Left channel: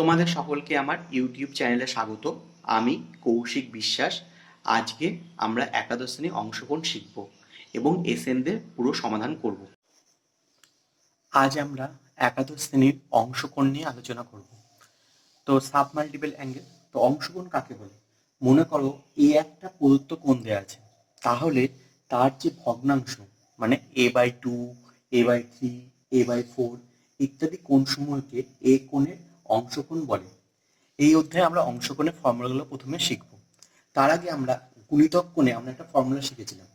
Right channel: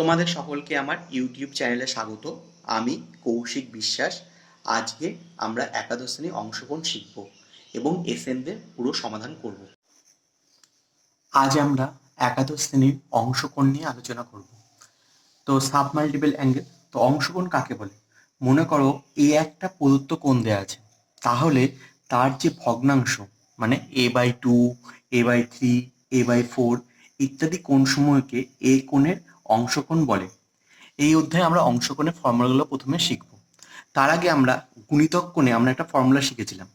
তোমাদের সকলকে আমার ইউটিউব চ্যানেলে স্বাগত। আমি কৌশিক বিশ্বাস। আজকে আমরা একাদশ শ্রেণী অংশগ্রহণ শিখব এবং এসএনদের পুরো সমাধান করব। আজ আমরা একাদশ শ্রেণীর অংশকোণ নিয়ে আলোচনা করব। তো সাব মাল্টিপল অ্যাঙ্গেল, তো অংশকোণ কাকে বলে? মনে করো এ একটা প্রদত্ত কোণ দেওয়া আছে, তাহলে তার যে ভগ্নাংশ মানে a/2, a/3, a/4 ইত্যাদি কোণসমূহকে এ কোণের অংশকোণ বলে। এই অধ্যায়ে আমরা অংশকোণের ফর্মুলাগুলো প্রথমে শিখব। তার আগে আমরা গুণিতক কোণে আমরা একটা ফর্মুলা শিখেছিলাম,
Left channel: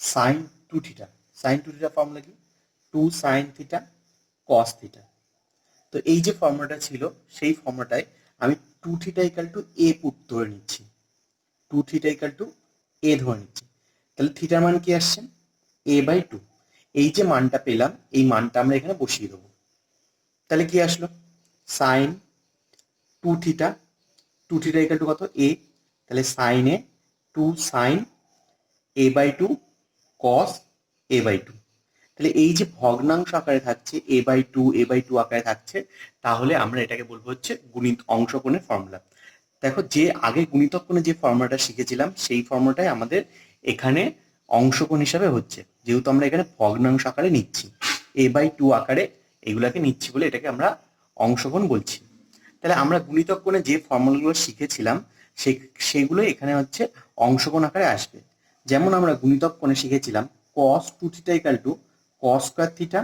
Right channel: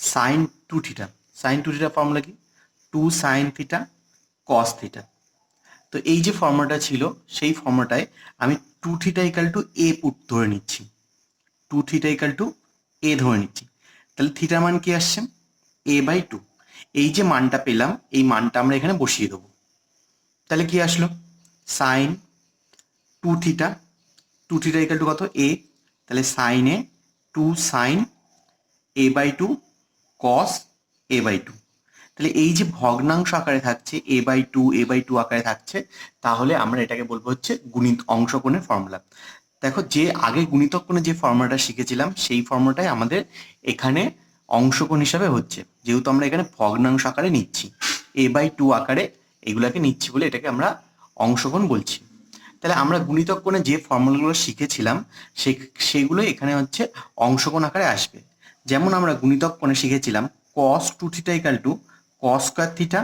sine two theta. Sine two theta formula কি? 2 সাইন থিটা কস থিটা। তো এই যে ফর্মুলাটা ছিল, সেই ফর্মুলাটায় আমি টু থিটা ইকাল টু এ ধরে নিচ্ছি, টু থিটা ইকাল টু এ ধরে নিচ্ছি। তাহলে থিটার মান কি আসছে? a/2। এই যে মানটা পেলাম, এই মানটা আমরা এখানে বসিয়ে দেবো। তাহলে কি আসলো? Sine two theta, two theta equal to কত? এ। তাহলে সাইন এ 2 সাইন a/2 কস a/2। তাহলে এই যে ভগ্নাংশ আকারে থাকছে a/2 আকারে থাকছে, তাহলে আমরা এটাকে বলবো হচ্ছে অংশকোণের ফর্মুলা। দেখো, যে আগে গুণিতক কোণে যে ফর্মুলাটা শিখেছিলাম, সেই ফর্মুলাটাই আমাদের এখানে অংশকোণ হিসাবে হচ্ছে, যেহেতু আমরা এখানে ভগ্নাংশ আকারে নিচ্ছি, a/2 আকারে এগুলাকে নিচ্ছি বলে এটাকে আমরা অংশকোণ বলছি। তাহলে আমরা গুণিতক কোণে যে ফর্মুলাগুলো শিখেছিলাম সেগুলো এখানে হচ্ছে অংশকোণ আকারে আসবে। যেমন আমরা গুণিতক কোণে শিখেছিলাম cos 2 theta equal two cos square theta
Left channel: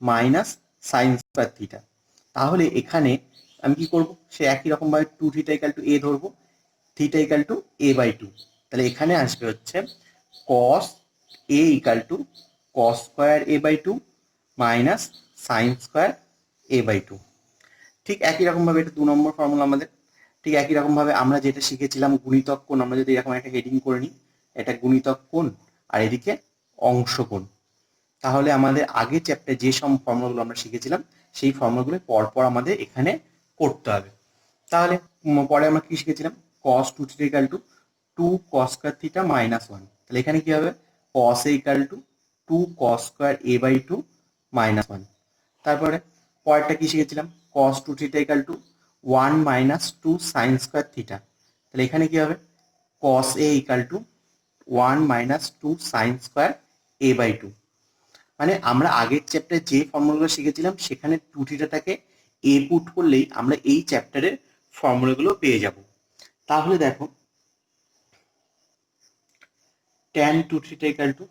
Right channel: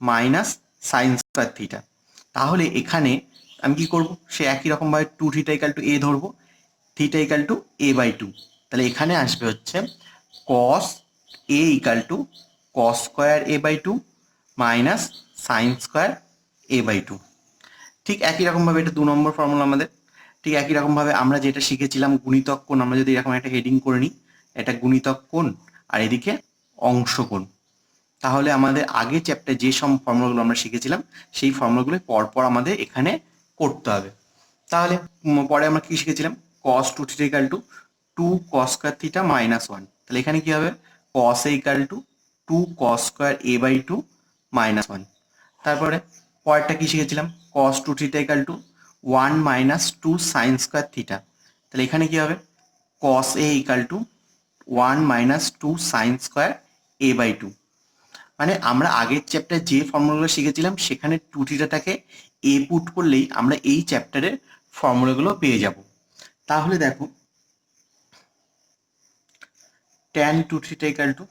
minus sine square theta. তাহলে এখানে আমি কি করব? সে একই রকমভাবে 2 থিটা ইকাল টু এ ধরবো, থিটা ইকাল টু a/2। তাহলে এখানে আসবে হচ্ছে cos a equal two cos square a/2 minus sine square a/2। ঠিক একই রকমভাবে এটা 2 নম্বর ফর্মুলা আমাদের। ঠিক একই রকমভাবে আমরা যেটা শিখেছিলাম গুণিতক কোণ, আমরা যদি এরকম একটা হেডিং করে নিই, এটা গুণিতক কোণ আর এদিকে অংশকোণ, তাহলে আমাদের আগের চ্যাপ্টারে যে সব ফর্মুলাগুলো আমরা শিখেছিলাম সেই ফর্মুলাগুলো পরপর আমাদের এখানে করতে হবে। তাহলে পরে আমরা কি শিখেছিলাম? cos 2 theta equal to 2 cos square theta minus 1। তাহলে এখানে কি হবে? cos a equal to 2 cos square a/2 minus 1। তারপরে পরেরটা কি শিখেছিলাম? cos 2 theta equal to 1 minus 2 sine square theta. তাহলে এখানে কি হবে? cos a equal to 1 minus 2 sine square a/2। মানে আমরা আগের চ্যাপ্টারে যে ফর্মুলাগুলো শিখেছিলাম সেখানে টু থিটাটাকে এ পুট করলেই আমরা এই চ্যাপ্টারের ফর্মুলাগুলো পেয়ে যাব। তাহলে দেখো, tan 2 theta equal to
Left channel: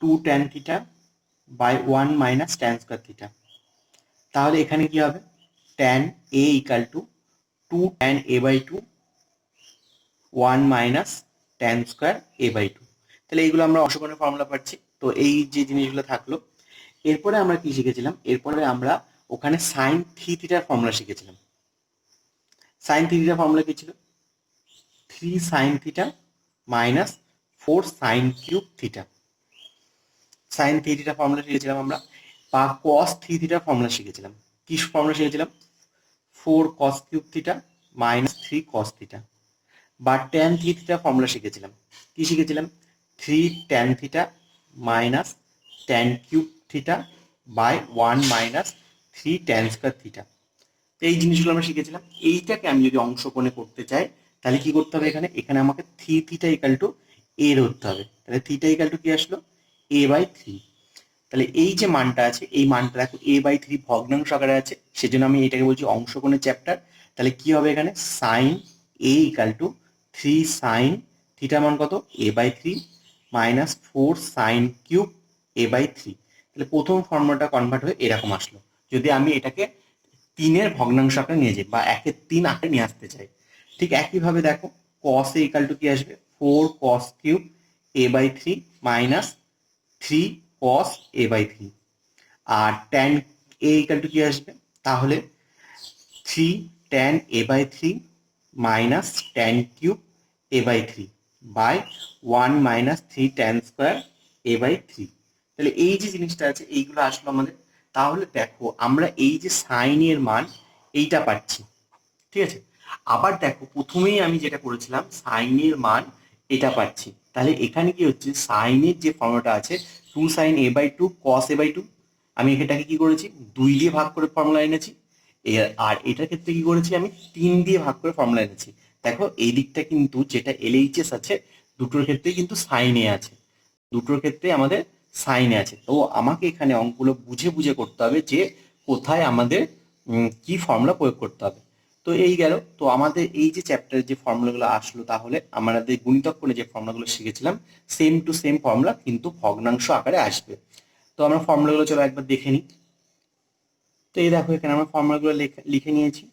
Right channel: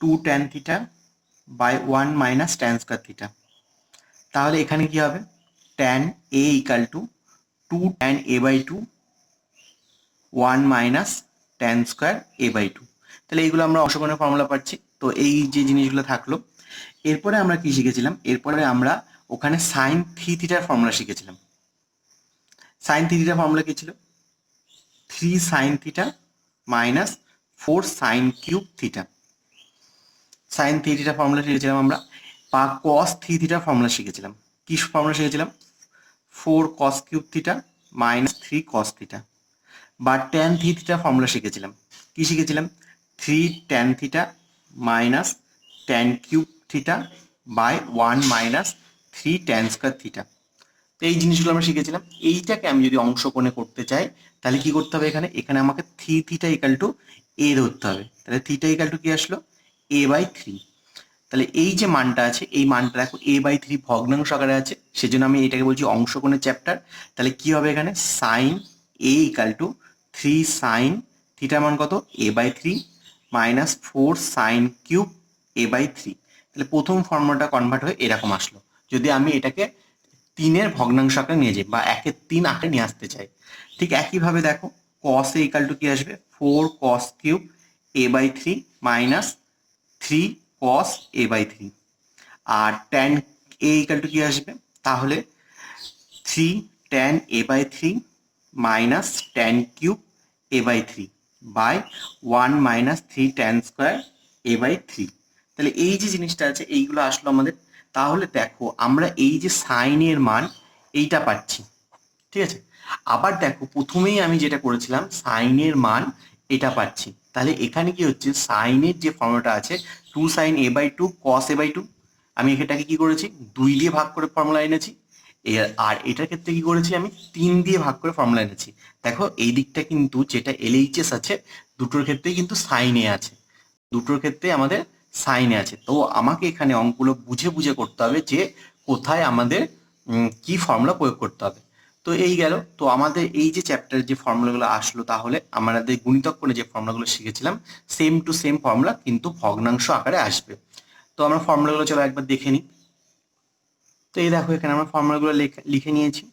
2 tan theta by 1 minus tan square theta. তাহলে এখানে কি হবে? tan a equal to 2 tan a/2 1 minus tan square a/2। তাহলে এইগুলো আমরা অংশকোণের ফর্মুলা পাচ্ছি। তো এই যে জিনিসগুলো থাকলো, এরপরে আমরা কি শিখেছিলাম? এরপরে আমরা ওখানে সাইন থিটার ফর্মুলা শিখেছিলাম। সাইন থিটার ফর্মুলা কি ছিল? 3 sine theta minus 4 sine cube theta. Sine থিটার ফর্মুলা শিখেছিলাম আমরা। বা কস থিটার ফর্মুলা শিখেছিলাম। কি ফর্মুলা শিখেছিলাম? 4 cos cube theta minus 3 cos theta. বা ট্যান থিটার ফর্মুলা শিখেছিলাম। কি শিখেছিলাম? 3 tan theta minus tan cube theta by 1 minus 3 tan square theta. এই জিনিসগুলো আমরা শিখেছিলাম। এইটাকে আমি যদি অংশকোণে করতে চাই, তাহলে কি করতে হবে? এখানে এখানে আমাকে থিটা ইকাল টু এ ধরতে হবে। তাহলে থিটা ইকাল টু কি আসলো? a/3। তাহলে এই যে মানটা আছে, এই মানটা দেখো a/3 ভগ্নাংশ আকারে আছে, সেজন্য আমি এটাকে বলছি অংশকোণের চ্যাপ্টার। তাহলে কি হবে? এখানে sine a equal to 3 sine থিটার মান কত? a/3 minus 4 sine cube a/3। তাহলে প্রথম ফর্মুলাটা কনভার্ট হয়ে এরকম আসলো। যদি আমি এটাকে 3-এর ভগ্নাংশ আকারে নিয়ে যাই বা 1/3 আকারে নিয়ে আসতে চাই। ঠিক একইভাবে দেখো, cos a ইকাল টু কি আসবে? 4 cos cube a/3 minus 3 cos a/3। আর tan a ইকাল টু কি আসবে? তাহলে 3 tan a/3 minus tan cube a/3 by 1 minus 3 tan square a/3। তাহলে এই যে জিনিসটা আছে, এইগুলো আসলো আমাদের। তাহলে দেখো, আমরা এই যে সাইনের মান এইটা পাচ্ছি, ঠিক আছে? আবার দেখো, প্রথমেই আমি যেটা করেছিলাম সাইনের মান এটা পাচ্ছি। তাহলে এখানে কি হচ্ছে? সাইনের যে ফর্মুলাটা আছে 2 সাইন a/2 cos a/2, আমি এটাকে কি করেছি? 2 দিয়ে ভাগ করে ফর্মুলা এনেছি। আর এটার ক্ষেত্রে কি করেছি, আমি 3 দিয়ে ভাগ করে ফর্মুলা এনেছি। দেখো এই দিকটা কিন্তু যেটা এলএইচএস আছে দুটোর ক্ষেত্রেই কিন্তু সাইনে আছে, দুটোর ক্ষেত্রে আমাদের সাইনে আছে। তো আমাকে এখানে অঙ্কগুলো বুঝে বুঝে করতে হবে যে কোথায় আমাদের কি ফর্মুলা প্রয়োগ করতে হবে। তো এই গেল। তো আমাদের এই যে চ্যাপ্টারের যে ফর্মুলাগুলো আসলো, তাহলে আমাদের গুণিতক কোণে যে ফর্মুলাগুলো শিখেছিলাম সেম টু সেম ফর্মুলা কিন্তু ভগ্নাংশ আকারে আসবে। তো আমরা ফর্মুলাগুলো চলো একবার দেখে নিই। তো এই দেখো এখানে আমরা ফর্মুলাগুলো লিখে নিয়েছি।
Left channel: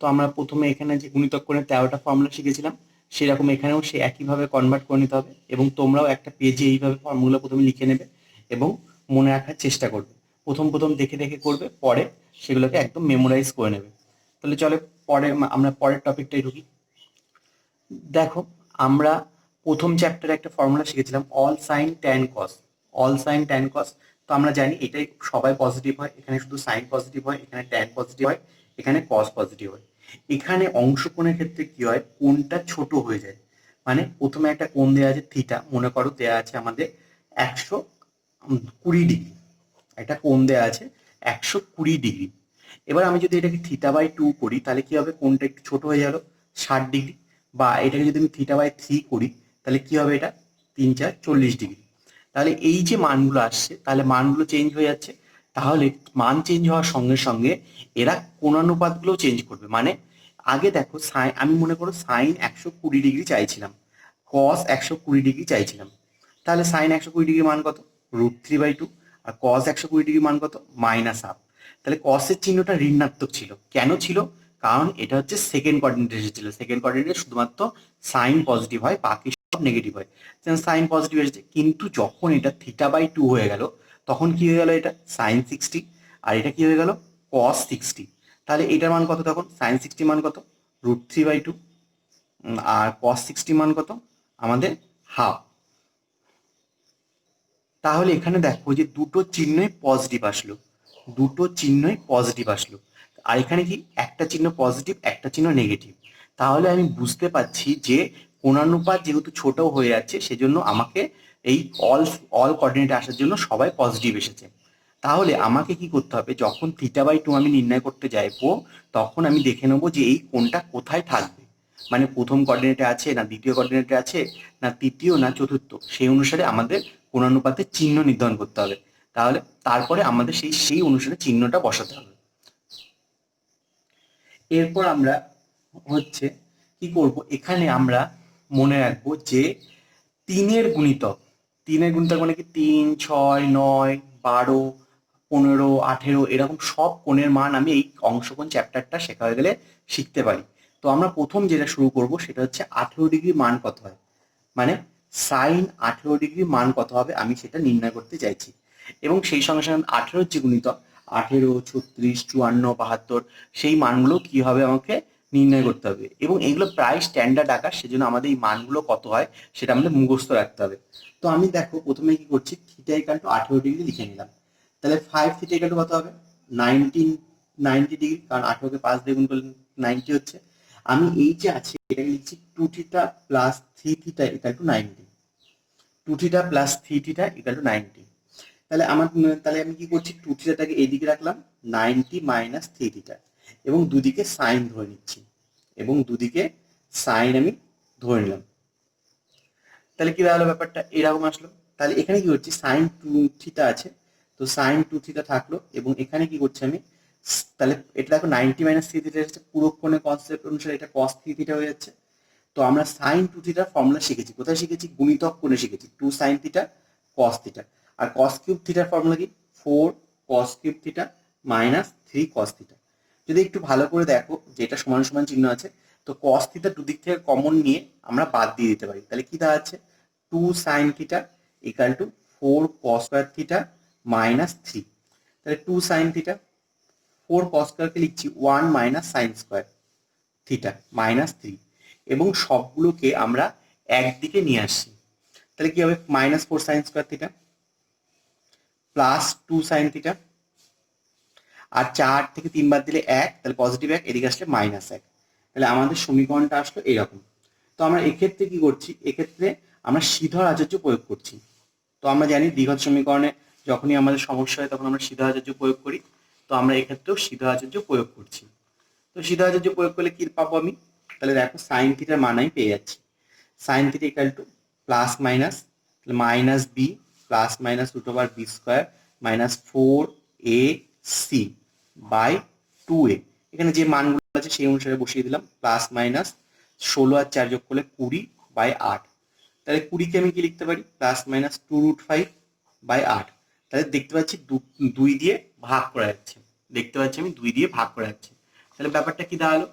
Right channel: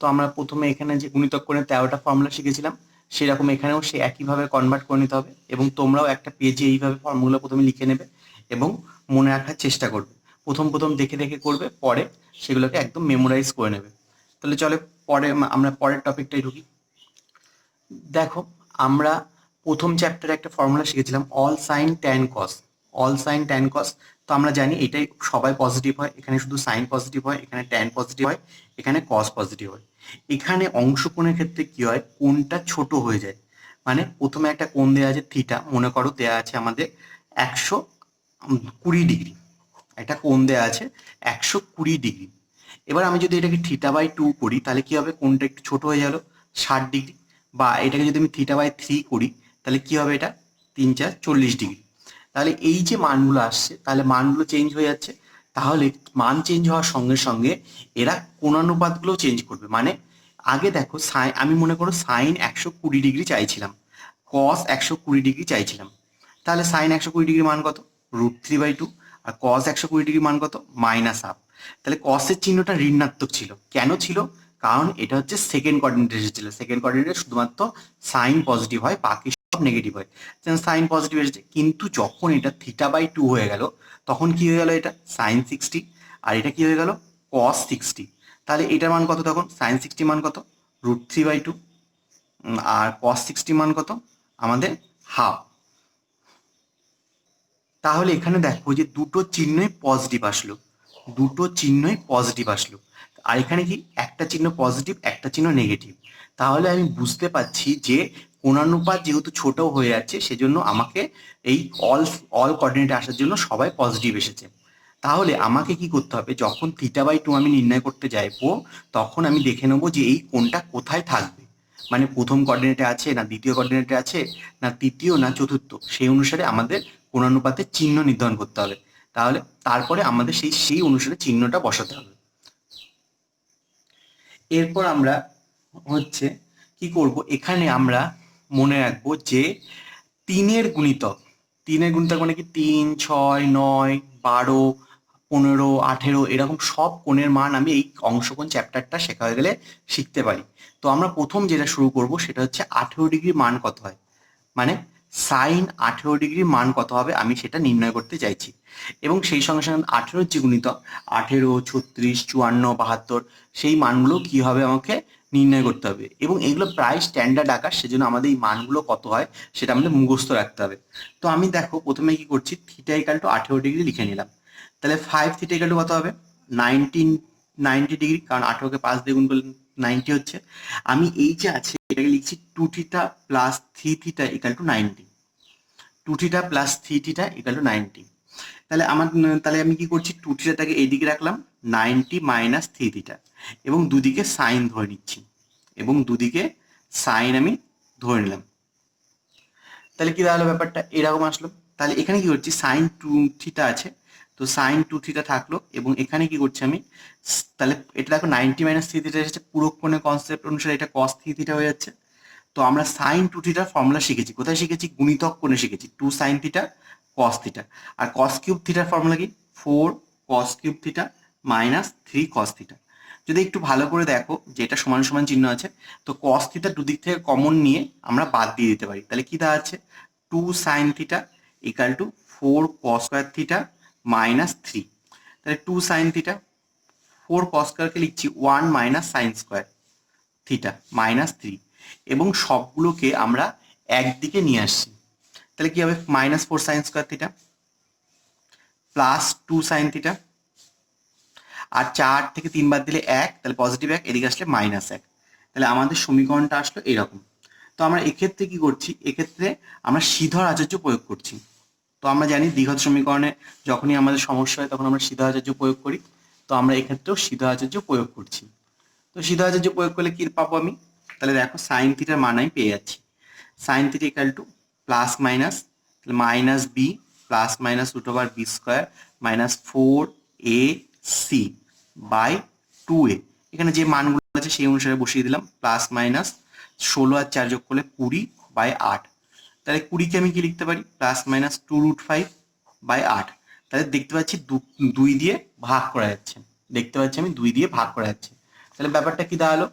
তো আমরা প্রথমে এখানে যে গুণিতক কোণের 13টা ফর্মুলা শিখেছিলাম সেরকম এখানেও সে একইভাবে কনভার্ট করে নিতে হবে, এবং তোমরাও একটা পেজে এইভাবে ফর্মুলা প্রথমে লিখে নেবে এবং মনে রাখার চেষ্টা করবে। প্রথম প্রথম দেখে দেখে করবে, পরে সেগুলোকে একদম মেমোরাইজ করে নেবে। তাহলে চলে পরে আমরা পরের টপিকটাই ঢুকি। দেখো আমরা প্রথম চ্যাপ্টারে একটা ফর্মুলা শিখেছিলাম অল সাইন ট্যান কস। অল সাইন ট্যান কস, তো আমরা জানি এটাই সবাই পজিটিভ হয়, এখানে শুধু সাইন পজিটিভ হয়, এখানে ট্যান পজিটিভ হয়, এখানে কস পজিটিভ হয়। এখানে অংশকোণের ক্ষেত্রে কি হয়, কোণটা ছোট হয়ে যায়। মানে প্রথমে একটা কোণ দেওয়া আছে থিটা, মনে করো দেওয়া আছে আমাদের 120 ডিগ্রি, একটা কোণ দেওয়া আছে 120 ডিগ্রি। এবার আমি যদি এটাকে θ/2 করি তাহলে কি হবে, কোণটা একটু ছোট হয়ে গেল 60 ডিগ্রি। বা এটাকে যদি আমি θ/3 করি তাহলে কি হবে, এটা 3 4 40 ডিগ্রি। তাহলে এই যে মানগুলো আসছে তাহলে মানগুলো চেঞ্জ হয়ে যাচ্ছে। তাহলে মান চেঞ্জ হওয়ার সঙ্গে সঙ্গে এরা কোণানুপাতগুলো চেঞ্জ করবে। মানে আগে দেখো আমি মনে করো সাইন 120 ডিগ্রি চাইছিলাম, কস 120 ডিগ্রি চাইছিলাম। তাহলে সাইন 120 ডিগ্রি মান কত, √3/2। আর কস 120 ডিগ্রি মান কত, -1/2। তাহলে কসের চিহ্নটা ঋণাত্মক ছিল। কেন ছিল, কারণ এটা হচ্ছে সেকেন্ড কোঅর্ডিনেটে এসেছিল। সেকেন্ড কোঅর্ডিনেটে শুধুমাত্র সাইন পজিটিভ হয়, বাকি সব নেগেটিভ হয়। সাইন পজিটিভ এসেছে, কিন্তু যখন এটা θ/2 হয়ে গেল তখন কি হয়ে গেল, এটা সাইন 60, আর এটা কি হয়ে গেল কস 60। তাহলে এটার মান কত, তখন সাইন 60 মান কত, √3/2, আর কস 60 মান কত আমাদের হাফ। তাহলে এখানে দেখো যে দুটো চিহ্নই পজিটিভ আসলো, দুটো চিহ্নই পজিটিভ আসলো। আর এখানে কি একটা চিহ্ন পজিটিভ একটা চিহ্ন নেগেটিভ। তাহলে আমি বুঝতে পারছি যে কোণানুপাত যেহেতু ছোট হয়ে যাচ্ছে সেজন্য আমাকে এই অল অল কোঅর্ডিনেটে আসার জন্য সবাই পজিটিভ এসেছে। তাহলে আমাকে কি করতে হবে, যখন θ/2 আমি নির্ণয় করতে যাইবো তখন আমি দেখে নেবো যে এই কোণটা কোথায় থাকবে। মানে প্রথম কোঅর্ডিনেটে আছে না দ্বিতীয় কোঅর্ডিনেটে আছে না তৃতীয় না চতুর্থ, সেই অনুসারে আমাদের কোণানুপাতের চিহ্ন নির্ধারণ করতে হবে। তাহলে তারপরে আমাদের সেই অনুসারে চিহ্নটা বসাতে হবে। এরপর আমরা হচ্ছে কি করব, এখানে আমরা মনে রাখবো যে তিনের গুণিতক, তিনের গুণিতক মানে কি 3 6 9 12 15 18 এরকম সব কোণের মান আমি এই অংশকোণ চ্যাপ্টারটা শেখা হয়ে গেলে শিখতে পারি। তো আমরা প্রথম যেটা শুরু করব সেটা হচ্ছে 18 ডিগ্রি মান কত হয়, মানে সাইন 18 ডিগ্রি মান কত হবে আমি সেটা নির্ণয় করতে চাইছি। এবং সেই সঙ্গে সঙ্গে 18 যে গুণিতক 18 36 54 72 সেই মানগুলো কি হবে আমাকে নির্ণয় করতে হবে। এবং এগুলো প্রায় স্ট্যান্ডার্ড আকার, সেজন্য আমাদের এই মানগুলো কত হয় সেটা আমাদের মুখস্থ রাখতে হবে। তো আমি দেখো প্রথমে কি করছি, θ = 18 ডিগ্রি লিখে নিলাম। তাহলে 5θ = কত হবে, 90 ডিগ্রি, কারণ 18কে 5 দিয়ে গুণ করলে 90 হচ্ছে। আমি এই যে আছে এটাকে লিখছি 2θ + 3θ = 90, 2θ + 3θ = 90। তাহলে আমি কি করছি, 2θটাকে এইদিকে রাখলাম, 90 - 3θ, এবং দুদিকে সাইন ধরে নিচ্ছি, এবং দুদিকে সাইন আমি ধরে নিলাম। তাহলে কি দাঁড়ালো, ব্যাপারটা এরকম আসলো। তাহলে এখানে কি করছি, সাইন 2θ আছে, তো সাইন 2θ থাকলো, এবং এখানে কি করছি আমি, তাহলে এটা দেখো 90 - 3θ এসেছে, পুরো কোণের কনসেপ্ট অনুসারে এটা cos 3θ হয়ে যাচ্ছে। তো আমরা সাইন 2θ ফর্মুলা শিখেছি, কোথায় শিখেছি, গুণিতক কোণে শিখেছি, 2 sin θ cos θ। আর cos কিউব থিটার ফর্মুলা কি, 4 cos কিউব θ - 3 cos θ। যদি একটু ভালো করে দেখো যে এটা সমান সমান চিহ্ন আছে, তো cos θ দুদিক থেকে কমন নিয়ে আমরা বাদ দিয়ে দিতে পারি। তাহলে কি দাঁড়াচ্ছে, 2 sin θ = 4 cos স্কয়ার θ - 3। তাহলে 2 sin θ, 4 cos স্কয়ারকে লিখছি 1 - sin স্কয়ার θ - 3, এবং সবগুলোকে আমরা একদিকে নিয়ে আসছি। তাহলে কি হবে, -4 sin স্কয়ার θ + 2 sin θ, আর 4 থেকে 3 বাদ দিলে 1, তাহলে পজিটিভ 1, এদিকে আসলে -1। তাহলে আমাদের সমীকরণটা আসলো এরকম। তো আমরা এক্ষেত্রে কি করছি, এক্ষেত্রে আমরা সিধর আচার্য প্রয়োগ করছি। তো আমরা জানি দ্বিঘাত সমীকরণে যখনই আমাদের সমস্যা হয় তখন আমরা সিধর আচার্য প্রয়োগ করি। তো আমরা এক্ষেত্রেও সিদ্ধাচার্য প্রয়োগ করছি। তো সিদ্ধাচার্য প্রয়োগ করলে কি পাবো আমি? তাহলে দেখো সাইন থিটার মান আমি পেয়ে যাচ্ছি। Sine theta equal to plus minus minus B plus minus root over B square minus 4ac by 2a। এখানে যে মানগুলো আছে সেই অনুসারে বসিয়ে দিলাম। প্লাস মাইনাস 16 আর 4 যোগ করলে 20/8। তাহলে 20কে আমি কি লিখতে পারি? Plus minus 2√5/8। তাহলে দেখতে পাচ্ছি 2 দিয়ে ভাগ করা যাচ্ছে। দেখতে পাচ্ছি আমি 2 দিয়ে ভাগ করা যাচ্ছে। তাহলে ব্যাপারটা কি দাঁড়ালো?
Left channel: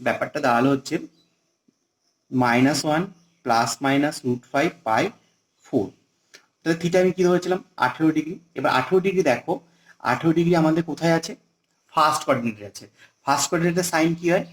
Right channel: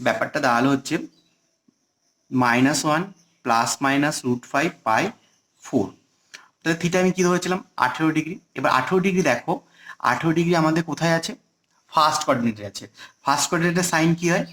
ব্যাপারটা দাঁড়ালো হচ্ছে -1 প্লাস মাইনাস √5/4। তাহলে থিটা আমি কি ধরেছিলাম? 18 ডিগ্রি। এবার 18 ডিগ্রি দেখো, 18 ডিগ্রি আমাদের কোথায় আছে? ফার্স্ট কোঅর্ডিনেটে আছে। ফার্স্ট কোঅর্ডিনেটে সাইন কি হয়?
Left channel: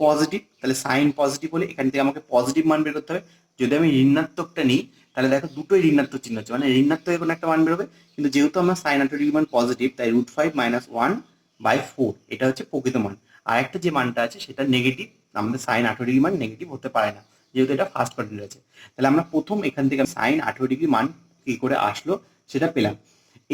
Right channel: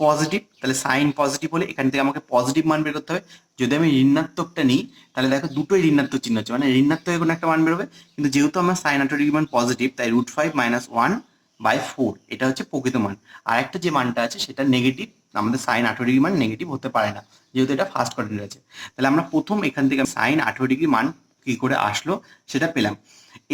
পজিটিভ। তাহলে সাইন পজিটিভ হলে এখান থেকে আমাকে পজিটিভ মান বের করতে হবে। যদি আমি ঋণাত্মকটা নিই তাহলে দেখো দুটোই ঋণাত্মক চিহ্ন আছে, মানে ঋণাত্মক কোনো একটা মান বেরোবে। কিন্তু যেহেতু আমার সাইন 18 ডিগ্রি মান পজিটিভ, তাই √5 - 1/4 এটা হচ্ছে প্রকৃত মান। আর একটা যে মানটা আছে সেটা নেগেটিভ। আমাদের সাইন 18 ডিগ্রি মান নেগেটিভ হতে পারে না, যেহেতু এটা ফার্স্ট কোঅর্ডিনেট আছে। তাহলে আমরা প্রথম এখান থেকে সাইন 18 ডিগ্রি মান কি করে আসলো সেটা পেলাম।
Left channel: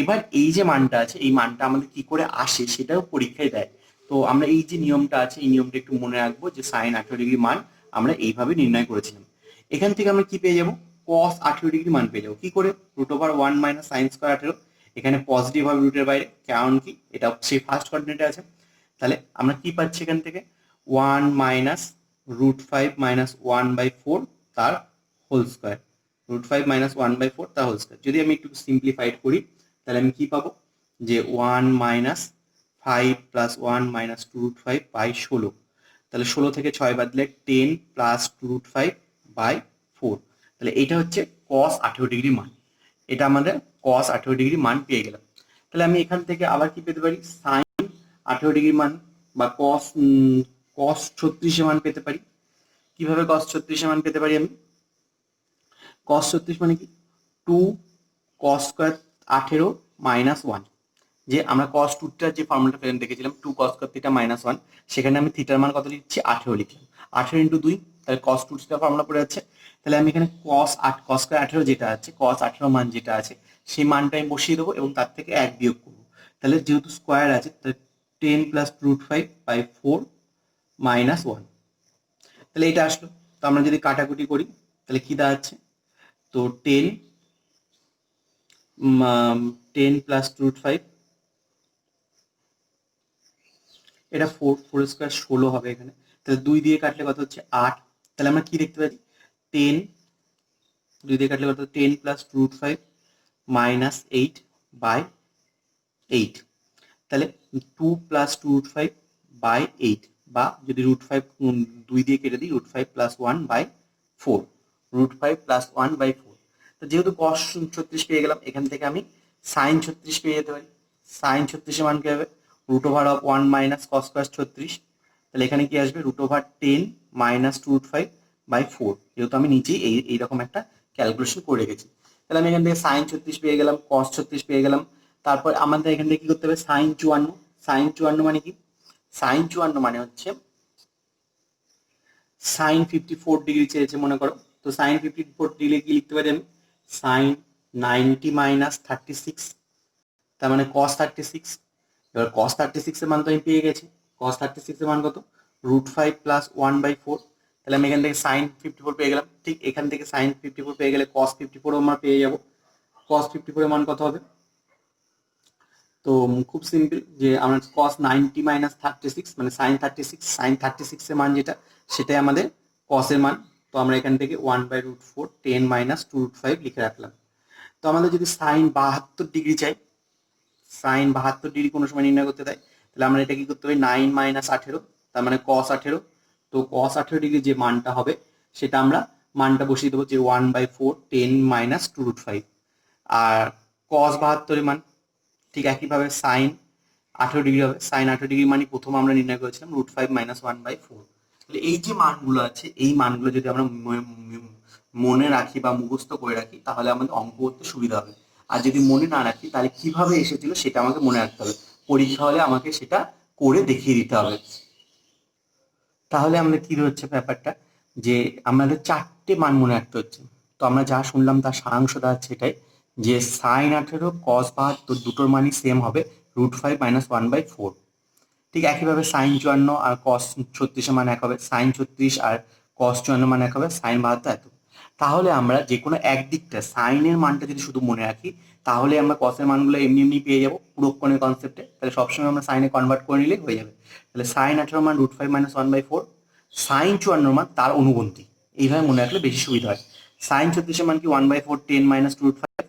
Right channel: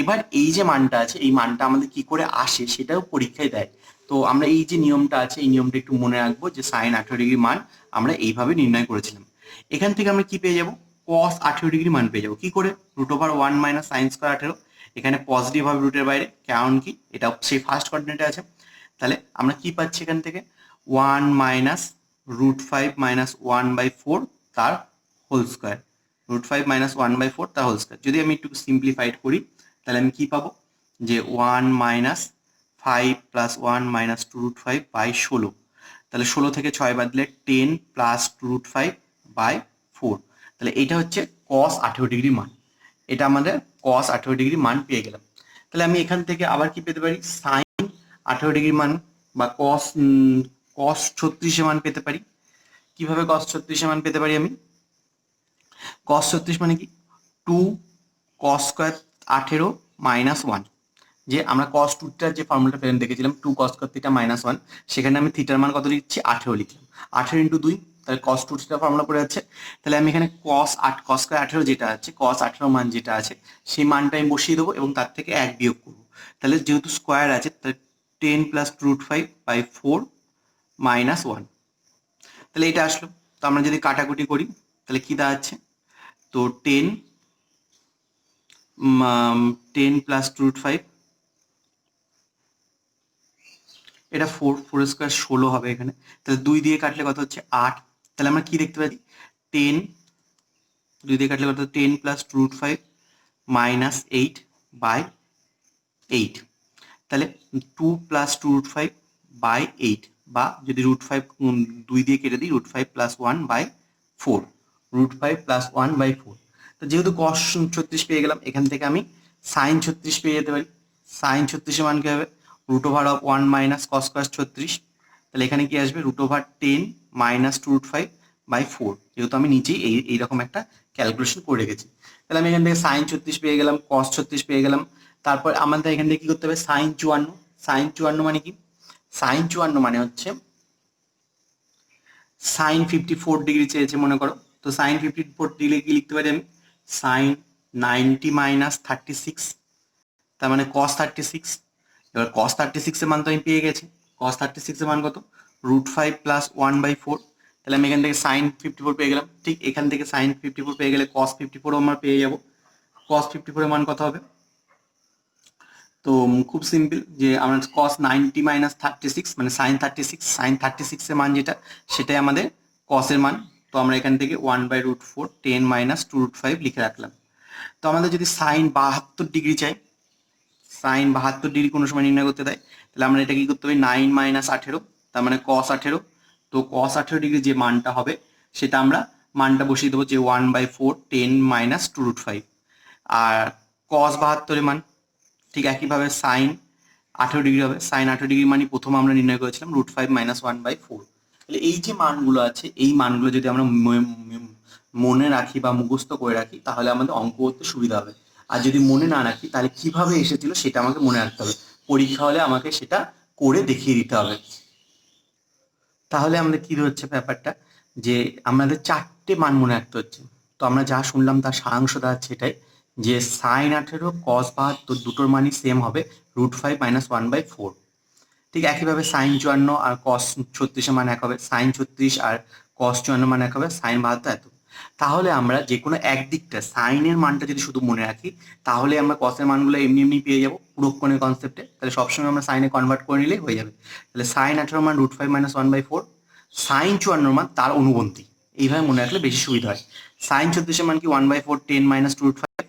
এবার এই যে মানটা আছে, এই মানটা আমাদের কি করে আসে সেটাও পরীক্ষায় দেয়। তো আমরা এই যে নিয়মটা আছে এই নিয়মটা একটু মনে রাখবো, যে সাইন 18 ডিগ্রি মান আমরা এইভাবে নির্ণয় করেছিলাম। এখান থেকে আমরা কি পেয়ে যাব? কস 18 ডিগ্রি মান পেয়ে যাবো। কি করে? √1 - sin স্কয়ার 18। এখানে পজিটিভ হবে রুটের বাইরে, কারণ কি এটা সেই ফার্স্ট কোঅর্ডিনেটে আছে। তাহলে আমরা কি পাচ্ছি এখান থেকে? 1 - √5 - 1/4 তার হোল স্কয়ার। √5 - 1/4 তার হোল স্কয়ার। যদি আমি একটু সিম্পলিফাইড করি তাহলে আমি কি পাবো? যে 1 - 5 + 1 - 2√5/16। তাহলে 16 থেকে 6 বাদ দিলে 10 + 2√5/4। তাহলে এটা হচ্ছে cos 18 ডিগ্রি মান। এটা আমাদের cos 18 ডিগ্রি মান পেয়ে গেলাম। তাহলে আমি এখান থেকে আবার কি পেতে পারি? sin 18 ডিগ্রি মান বা cos 36 এর মান পেতে পারি। কিভাবে cos 36 এর মান পেতে পারি আমি? cos 36 মানে কি? 2 cos স্কয়ার 18 - 1। যে আমরা cos 2টার যে ফর্মুলাটা দেখেছিলাম 2 cos স্কয়ার থিটা -1, সেখানে আমি থিটার মান কত লিখছি? 18 লিখলাম। 18 × 2 তাহলে cos 2 থিটা ফর্মুলা পড়ে যাচ্ছে। তাহলে আমি এখানে cos স্কয়ার 18 যেটা আছে, cos 18 মান যেটা আছে সেই মানটা আমি বসিয়ে দেবো এবং তার থেকে 1 বিয়োগ করবো। তাহলে যেহেতু স্কয়ার আছে তাহলে 10 + √5/4 - 1। তাহলে এটা আসলো। তো আমরা যদি কাটাকুটি করি তাহলে কি দাঁড়াচ্ছে? তো 10 + √5, এটা 4 স্কয়ার 16 হবে এখানে। তাহলে 2 দিয়ে কাটলে কত হচ্ছে? 8। তাহলে আমরা কি দেখতে পাচ্ছি? 10 2 দিয়ে কাটলে কত? 10 + √5 - 8/8। তাহলে 2 + √5/8, বা যদি √5 2 দিয়ে কেটে দিই √5 + 1/4, √5 + 1/4। তো যেহেতু cos 36 পেয়ে গেলাম, এখান থেকে আমি sin 36 পেয়ে যেতে পারি। sin 36 এর মান কি হবে? √1 - cos স্কয়ার 36। তাহলে এখানে কি আসবে? √10 - 2√5/4। যেহেতু আমি নিচেই এইরকম একটা ক্যালকুলেশন করে রেখেছি। তাহলে আমি এখান থেকে sin 36 পেয়ে গেলাম, cos 36 পেয়ে গেলাম। তারপর আমাদের এখান থেকে কি করতে হবে? sin 54। sin 54 মানে কি? sin 54 মানে হচ্ছে sin 54 ডিগ্রি চেয়েছে মনে করো। তো sin 54 ডিগ্রি কি লিখতে পারি আমি? sin 90 - 36, তার মানে cos 36। এবার cos 36 এর মান তো আমি পেয়ে গেছি। cos 36 এর মান কত? √5 + 1/4। তাহলে আমি এখান থেকে sin 54 পেয়ে গেলাম। ঠিক এখান থেকে sin 54 পেয়ে গেলে cos 54 আমরা পেয়ে যাব। cos 54 এর মান কত হবে? তো খুব সিম্পল, যে আমরা cos 90 - 36 মানে sin 36, sin 36 এর মান যেটা সেটাই আমাদের cos এর মান। তো আমরা এখান থেকে 1/√4 10 - 2√5 লিখে রাখলাম। তো আমাদের যদি sin 72 ডিগ্রি চাই, sin 72 ডিগ্রি কোনো সময় নির্ণয় করতে দেয়, তাহলে আমরা এটা কি করতে হবে? 9 - 18, তার মানে cos 18। তো cos 18 ডিগ্রি যে মানটা হবে সেটা আমরা মানটা বসিয়ে দেবো, যে 1/4 10 - 2√5। আর cos 72 এর মান ঠিক একইভাবে sin 18 ডিগ্রি হবে। sin 18 ডিগ্রি মানে প্রথম আমরা নির্ণয় করেছিলাম √5 - 1/4। তাহলে এই যে মানগুলো আছে এই মানগুলো যদি আমরা মনে রাখি বা মুখস্থ করে রাখি তাহলে আমাদের অঙ্ক করতে সুবিধা হবে। আর যদি মনে না রাখি তাহলে কিভাবে এসেছিল সেটা আমাকে মনে রাখতে হবে। পরীক্ষা হলে আমাকে সেটা করে দেখিয়ে দিতে হবে। তাহলে আমাদের কি হচ্ছে ব্যাপারটা, যে আমাদের 4টে মান মনে রাখতে হচ্ছে। তো আমরা যা শুনলাম তার সারাংশ দাঁড়াচ্ছে এটাই, যে সাইন 18 কস 72 দুটোর মানই সেম হবে √5 - 1/4। ঠিক একইভাবে সাইন 54 আর কস 36 মান এক হবে, সাইন 36 আর কস 54 মান এক হবে, সাইন 72 এত। তাহলে আমরা যে কোনো একদিকটা সাইনের মানটা যদি শুধু মনে রাখি, তাহলে আমরা কসের মানগুলো এমনি এমনি পেয়ে যাবো পুরোক্ষণের কনসেপ্টে। তাহলে সবসময় আমরা সাইনে কনভার্ট করে নিলেই হয়ে যাবে। তাহলে সাইন 18 মান √5 - 1/4, সাইন 54 মান তার অনুবন্ধী। এইভাবে মনে রাখলে বেশি সুবিধা হয়। সাইন 36 মান কি 1/4 10 - √5,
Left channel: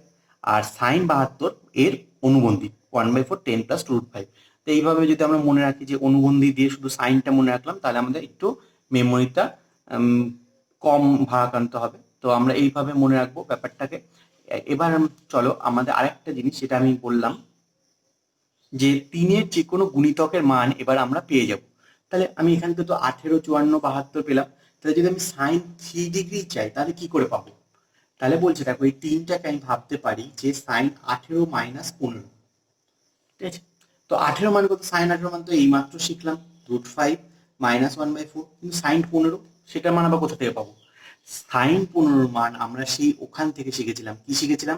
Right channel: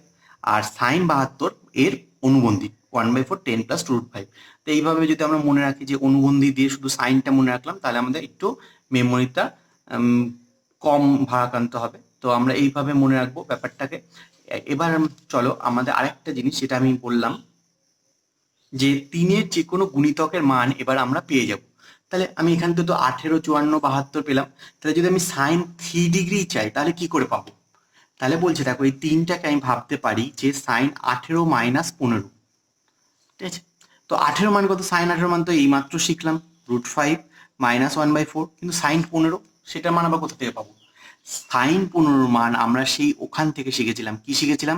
আর সাইন 72 এর অনুবন্ধী 1/4 10 + √5। তো এইভাবে যদি আমরা মনে রাখি যে অনুবন্ধী দিয়ে শুধু সাইনটা মনে রাখলাম, তাহলে আমাদের একটু মেমোরিটা কম ভারাক্রান্ত হবে। তো আমরা এইভাবে মনে রাখবো ব্যাপারটাকে। এবার চলো আমাদের আরেকটা জিনিস, সেটা আমি বললাম যে 3-এর যে কোনো গুণিতকের মান এবার আমরা পেয়ে যাব। তাহলে আমি এখান থেকে তো 18, 54, 72 পেলাম। তাহলে যদি আমি সাইন 3 ডিগ্রি চাই তাহলে কি করে পাবো? তাহলে বলছে দেখো এই 3টাকে আমি ভাবতে পারি যে সাইন 18 - 15। ঠিক আছে, তো 18 মান কত? সাইন 18 মান তো এইমাত্র শিখলাম √5 - 1/4, কিন্তু সাইন 15 সেটার মান আবার কোথা থেকে পাবো? সাইন 15 মান আমরা সেই ওখান থেকে শিখেছিলাম, কি শিখেছিলাম?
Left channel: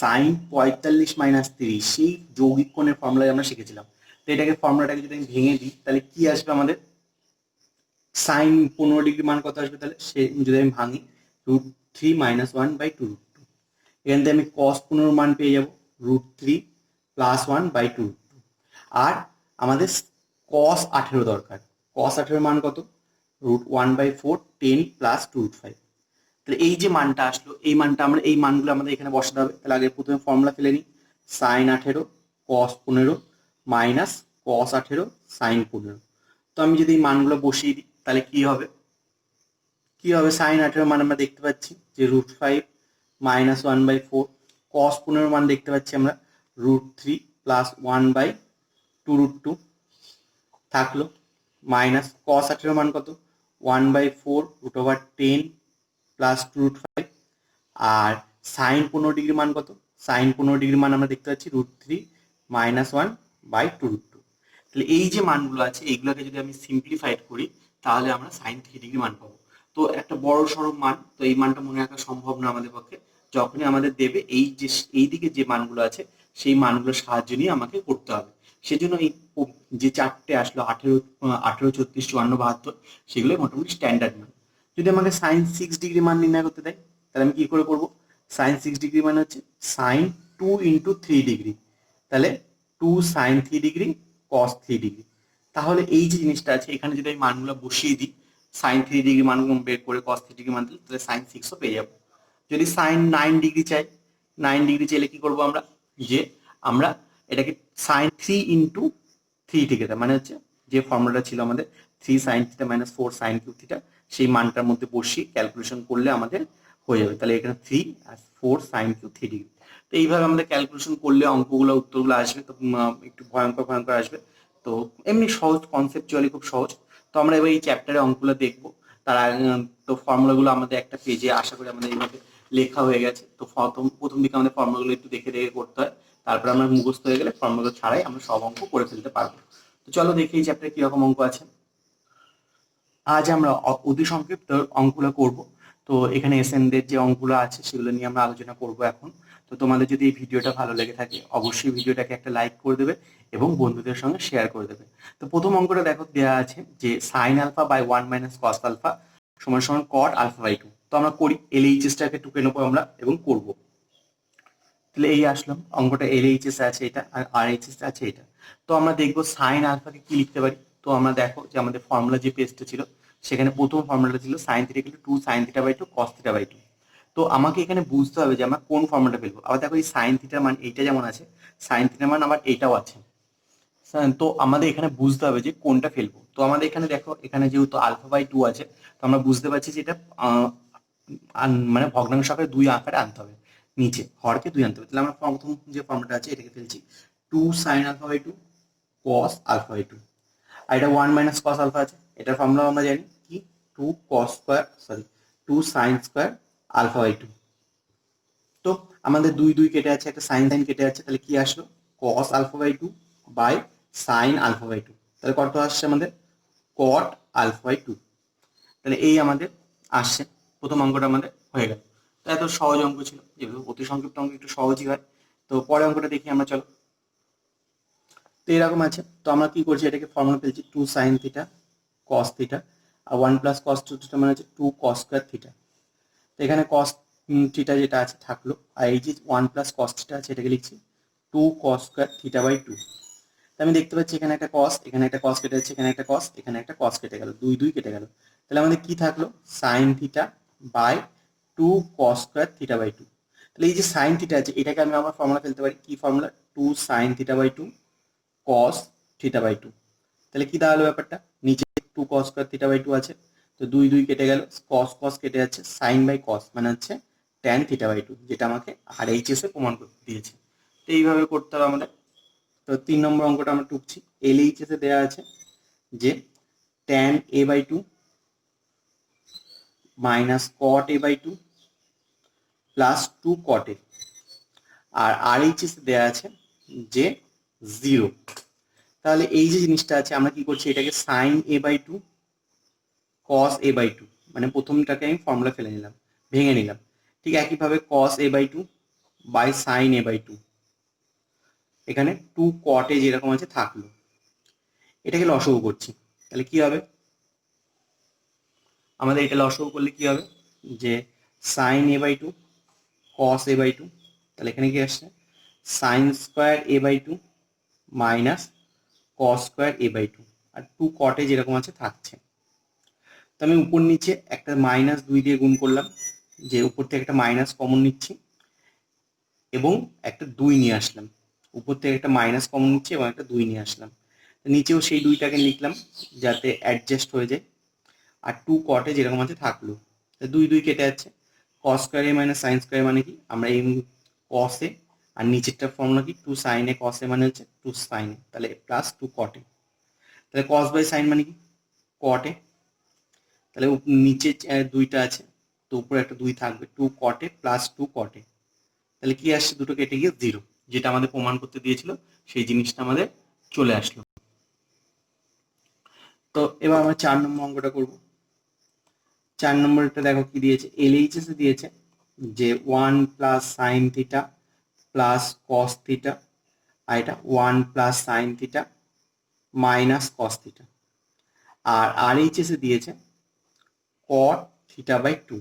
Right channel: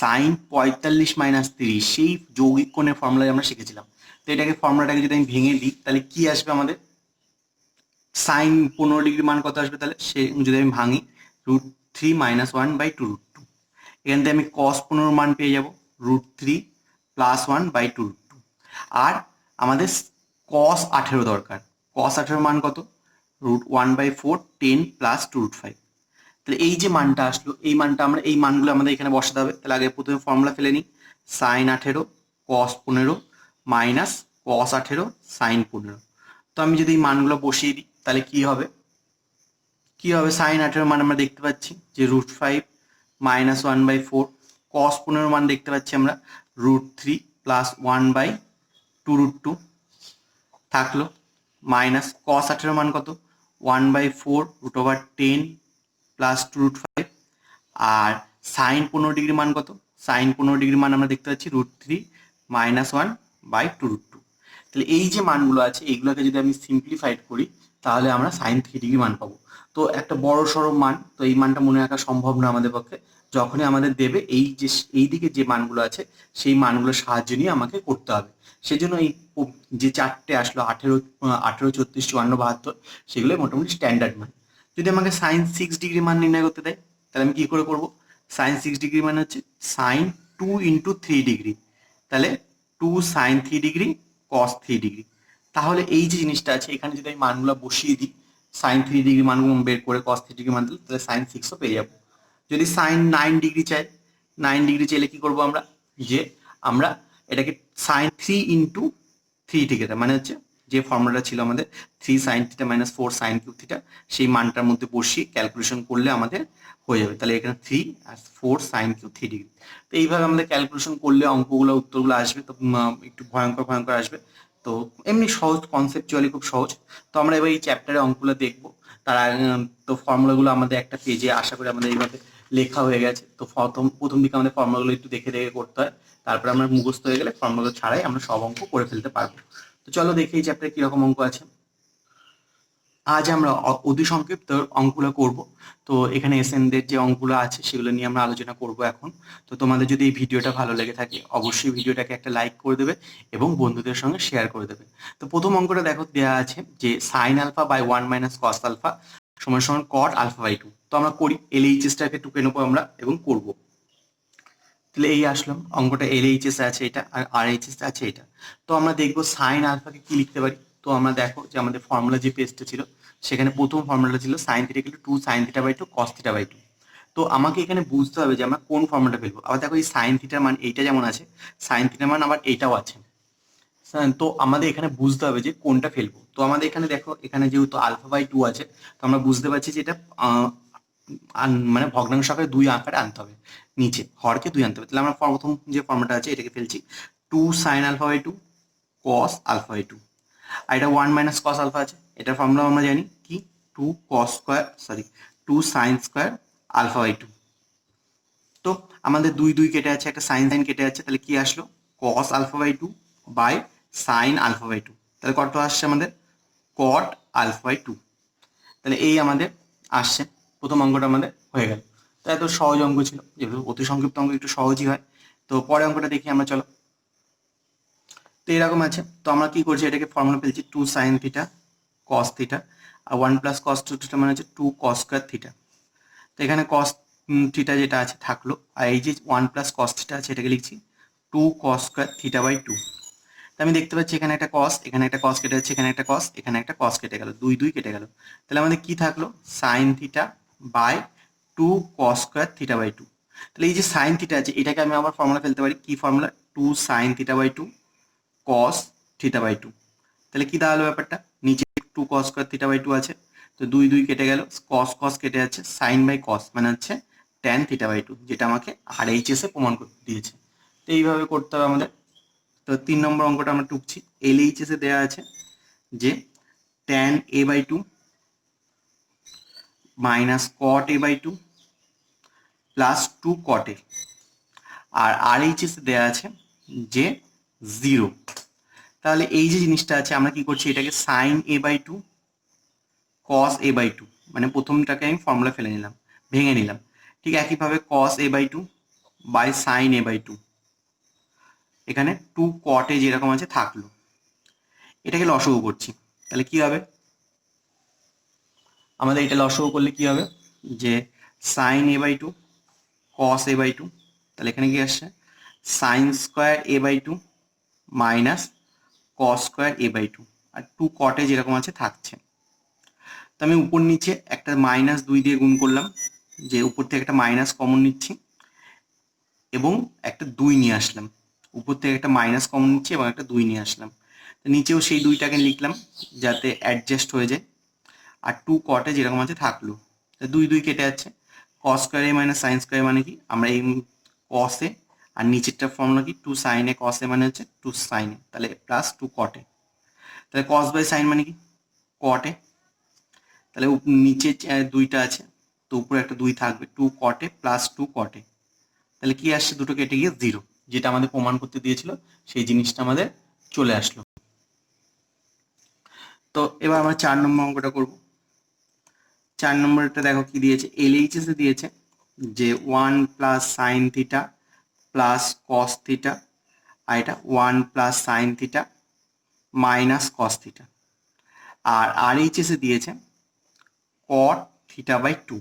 সাইন 45 - 30, সেই যৌগিক কোণের ফর্মুলায় আমরা শিখেছিলাম। তো এটাকে ফর্মুলাটাকে যদি আমি ভেঙে দিই তাহলে কি আসবে আমাদের? সাইন 15 ডিগ্রি মান কত আসবে? তাহলে সে যদি আমি ভাঙি √3 - 1/2 √2, এখান থেকে আমি কস 15 মান পেয়ে যাব √3 + 1/2 √2। আর আমাদের কস 18 দরকার। কস 18 মান কত? √1/4 10 + 2 √5। তাহলে এই যে মানটা আসলো, এই মানটা আমরা এই মানগুলো আমাদের এখানে বসাতে হবে। তাহলে আগে প্রথমে ফর্মুলা ফেলে নিই। সাইন 18 কস 15 মাইনাস কস 18 সাইন 15। তো আমি যদি এই মানগুলো বসিয়ে দিই তাহলে কি হবে? কি হবে? সাইন 18 মান আমরা দেখতে পাচ্ছি যে √5 - 1/4, কস 15 মান দেখতে পাচ্ছি আমরা √3 + 1/2 √2 থাকলো, মাইনাস কস 18 মান কত? 1/4 √10 + 2 √5। আর সাইন 15 ডিগ্রি মান কত? সাইন 15 ডিগ্রি মান আমরা দেখতে পাচ্ছি √3 - 1/2 √2। তাহলে এই যে মানগুলো আছে এইগুলোকে যদি আমি সিম্পলিফাইড করি তাহলে আমরা সাইন 3 ডিগ্রি মান পাবো। তো একটা বড় সড়ো মান, তো এই মানটা মনে রাখা সম্ভব না আমাদের পক্ষে। যখনই আমাদের দেবে এই যে এই দিকে যে মানগুলো আছে সেই মানগুলোর সাহায্য নিয়ে আমাকে করতে হবে। সেজন্য এই যে চারটে আসলো 18, 36, 54, 72, সেগুলো মোটামুটি স্ট্যান্ডার্ড মান। যদি আমাকে সাইন 6 ডিগ্রি মান নির্ণয় করতে দেয় তাহলে আমি কি করে করব? সাইন 6 ডিগ্রি মানে হচ্ছে সাইন 2 × 3 ডিগ্রি। তাহলে 2 সাইন 3 ডিগ্রি কস 3 ডিগ্রি। তাহলে এই যে জিনিসটা আছে এখানে যদি আমি মানগুলো বসিয়ে দিই, সাইন 3 ডিগ্রি মানগুলো বের করে কস 3 ডিগ্রি মান দিলে তাহলে সাইন 6ও পেয়ে যাবো। যদি সাইন 9 ডিগ্রি চাই, 9 ডিগ্রি চাইলে কি করব আমরা? যে আমরা এটাকে সাইন 3 × 3 থিটা, মানে হচ্ছে যে ফর্মুলাটা ছিল আমাদের 3 sine theta - 4 sine cube theta, সেই মানটার মধ্যে বসিয়ে ক্যালকুলেশন করলে আমাদের হয়ে যাবে। তাহলে এখানে 3 আর 4 সাইন কিউব 3 ডিগ্রি। তো এইভাবে আমাদের ক্যালকুলেশন করলে অঙ্কগুলো উত্তরগুলো আসবে। তো একটু ভয়ঙ্কর ভয়ঙ্কর আসবে। তো এমনি সহজ, কনসেপচুয়ালি খুব সহজ। তো আমরা এবার এই চ্যাপ্টারে অঙ্কগুলো দেখবো। তার আগে তো ফর্মুলাগুলো আমাদের একটা পেজে আশা করি আমাদের এইভাবে লেখা হয়ে গেছে। তো প্রথম দিকে আমাদের ফর্মুলাগুলো একটু দেখে দেখে করতে হয়। তারপরে আমরা মুখস্থ হয়ে গেলে ফর্মুলা ছাড়াই আমরা সব অঙ্ক করে ফেলতে পারবো। তো চলো দেখি এই চ্যাপ্টারে কিরকম অঙ্ক আছে। আজ আমরা অতি সংক্ষিপ্ত অঙ্কগুলো করব। তো এখানে এসএনদের যে অঙ্কগুলো আছে সেগুলো নিয়ে আমরা আলোচনা করব এখন। তো তোমাদের যদি এই ভিডিওটা ভালো লেগে থাকে অবশ্যই ভিডিওটাকে একটা লাইক করে দেবে এবং বন্ধুদের সঙ্গে শেয়ার করে দেবে। তো প্রথম অঙ্কটা দেখো দেওয়া আছে যে sine alpha by 1 - cos alpha সমান সমান কট আলফা বাই 2। তো আমরা করি, এলএইচএসটাকে টুকে নেবো আমরা এবং করব। তাহলে এই আসলাম অঙ্কটা, এলএইচএস আছে এটা আর আরএইচএস আছে এটা। তো আমরা দেখবো সাইন আলফাকে কি লিখতে পারি। তো আমরা দেখো যে আমাদের ফর্মুলা যে পেজটা ছিল সেখানে প্রথম ফর্মুলাটা ছিল sine theta = 2 sine theta by 2 cos theta by 2। তো আমাকে এখানে বুঝতে হবে যে আমরা কোন ফর্মুলাটা ফেলবো। আবার দেখো এই সাইন থিটার মান এইটা যেমন আছে, সাইন থিটার মান আবার এইটাও আছে। তো আমাদের এখানে বুঝতে হবে যে কোনটা ফেলবো। তো আমাদের এখানে দেখো এখানে যেহেতু আলফা বাই 2 আছে, তো আমরা বুঝতে পারছি যে এটা মানে ভগ্নাংশ আকারে 2 আকারে আনতে হবে, নিচে হরকে 2 আনতে হবে। তাহলে আমরা প্রথম যে ফর্মুলাটা আছে এটাকে ফেলছি 2 sine alpha by 2 cos alpha by 2। আর এটা 1 - কস আলফা আছে, এটার ফর্মুলা আমরা জানি কি 2 cos square, sorry 2 sine square alpha by 2। তো আমাদের 2 2 কেটে আছে, একটা সাইন সাইন কেটে আছে, তাহলে কি আসলো cos alpha by 2 by sine alpha by 2। তাহলে কত আসছে আমাদের কট আলফা বাই 2। তাহলে এই আমাদের আসছে, প্রথম অঙ্কটা আমাদের হয়ে গেল। তো এত সহজ অঙ্ক ছিল, যেহেতু অতি সংক্ষিপ্ত অঙ্ক একটু সহজই হয়। তো পরে অঙ্কটা দেখি আমরা, চলো। তো এরকম আছে, তো আমরা কি করছি, এটাকে ফর্মুলা ফেলছি 2 sin থিটা cos থিটা, আর 1 + cos 2 থিটা মানে হচ্ছে 2 cos স্কয়ার থিটা। তো এখানে cos থিটা যেটা আছে থাকলো, আর এই যে 1 + cos থিটা আছে এটাকে লিখছি 2 cos স্কয়ার থিটা বাই 2। তো আমি দেখতে পাচ্ছি এখানে একটা cos, এখানে একটা cos কেটে যাচ্ছে, এখানে একটা cos, এখানে একটা cos কেটে গেল, 2 2 কেটে গেল। তাহলে আমাদের কি থাকলো, sin theta by 2 cos square theta by 2। তাহলে এই যে sin থিটা আছে এটাকে আমি আবার ফর্মুলা ফেলতে পারি, কি formula, 2 sin theta by 2 cos theta by 2। তাহলে কি দাঁড়ালো ব্যাপারটা, নিচে 2 cos স্কয়ার থিটা বাই 2 আছে, তো 2 2 কেটে গেল, cos cos কেটে যাচ্ছে, sin বাই cos মানে হচ্ছে tan থিটা বাই 2, যেটা আমাকে RHS এ প্রমাণ করতে দিয়েছে। তো এইভাবে করতে হবে আমাদের। তো 3 নম্বর অঙ্কটা আমরা টুকছি, LHS এ দেওয়া আছে যে tan a by 2 minus cot a by 2 plus 2 cot a, আর RHS এ দেওয়া আছে যে 0। তাহলে এই যে জিনিসটা আছে আমরা কি করছি, এটাকে sin a by 2 cos a by 2, মানে প্রথমটাকে আমি ফর্মুলা ফেলে নিলাম, ভেঙে নিলাম। ঠিক একইভাবে cos a বাই 2 বাই sin a বাই 2, এখানে 2 cot a যেরকম আছে থাকলো, এটাকে লসাগু করছি। তাহলে কি হবে, আমাদের এটা লসাগু করলে কি হবে, যে sin a by 2 cos a by 2, তাহলে এখানে কি আসছে, sin square a by 2 minus cos square a by 2, আর 2 cot a যেরকম আছে থাকছে। তো আমি উপর নিচে একটা -2 দিয়ে গুণ করলাম, যে উপর থেকে একটা মাইনাস কমন নিচ্ছি এবং একটা 2 নিয়ে আসলাম, উপর থেকে একটা মাইনাস কমন নিচ্ছি এবং একটা 2 নিয়ে আসলাম। তো নিচেও সেই 2টাকে লিখলাম যাতে অ্যাডজাস্ট হয়ে যায়, আর 2 cot a যেরকম আছে থাকলো। তো 2 2 কেটে যাচ্ছে, cos square a minus sin square মানে কি, আমরা এই cos a আর নিচেরটার ফর্মুলা কি, 2 sin a cos a মানে হচ্ছে 2 sin a, তাহলে প্লাস 2 cot a। তাহলে cos বাই sin মানে কি, cot a। তাহলে নিচে 2টা আছে, তো উপরে একটা 2 থাকবে, 2 cot a plus 2 cot a। তাহলে কি আসছে, দুটো কেটে গিয়ে 0, যেটা আমাদের প্রমাণ করতে দিয়েছিল সেই জিনিসটা আমাদের চলে আসলো। তো এবার আমরা 4 নম্বর অঙ্কটা করব। 4 নম্বরটা দেখো কি দিয়েছে, LHS এ দিয়েছে যে 1 plus sine theta plus cos theta, আর এটা 1 plus sine theta minus cos theta, আর RHS এ দিয়েছে cot থিটা বাই 2।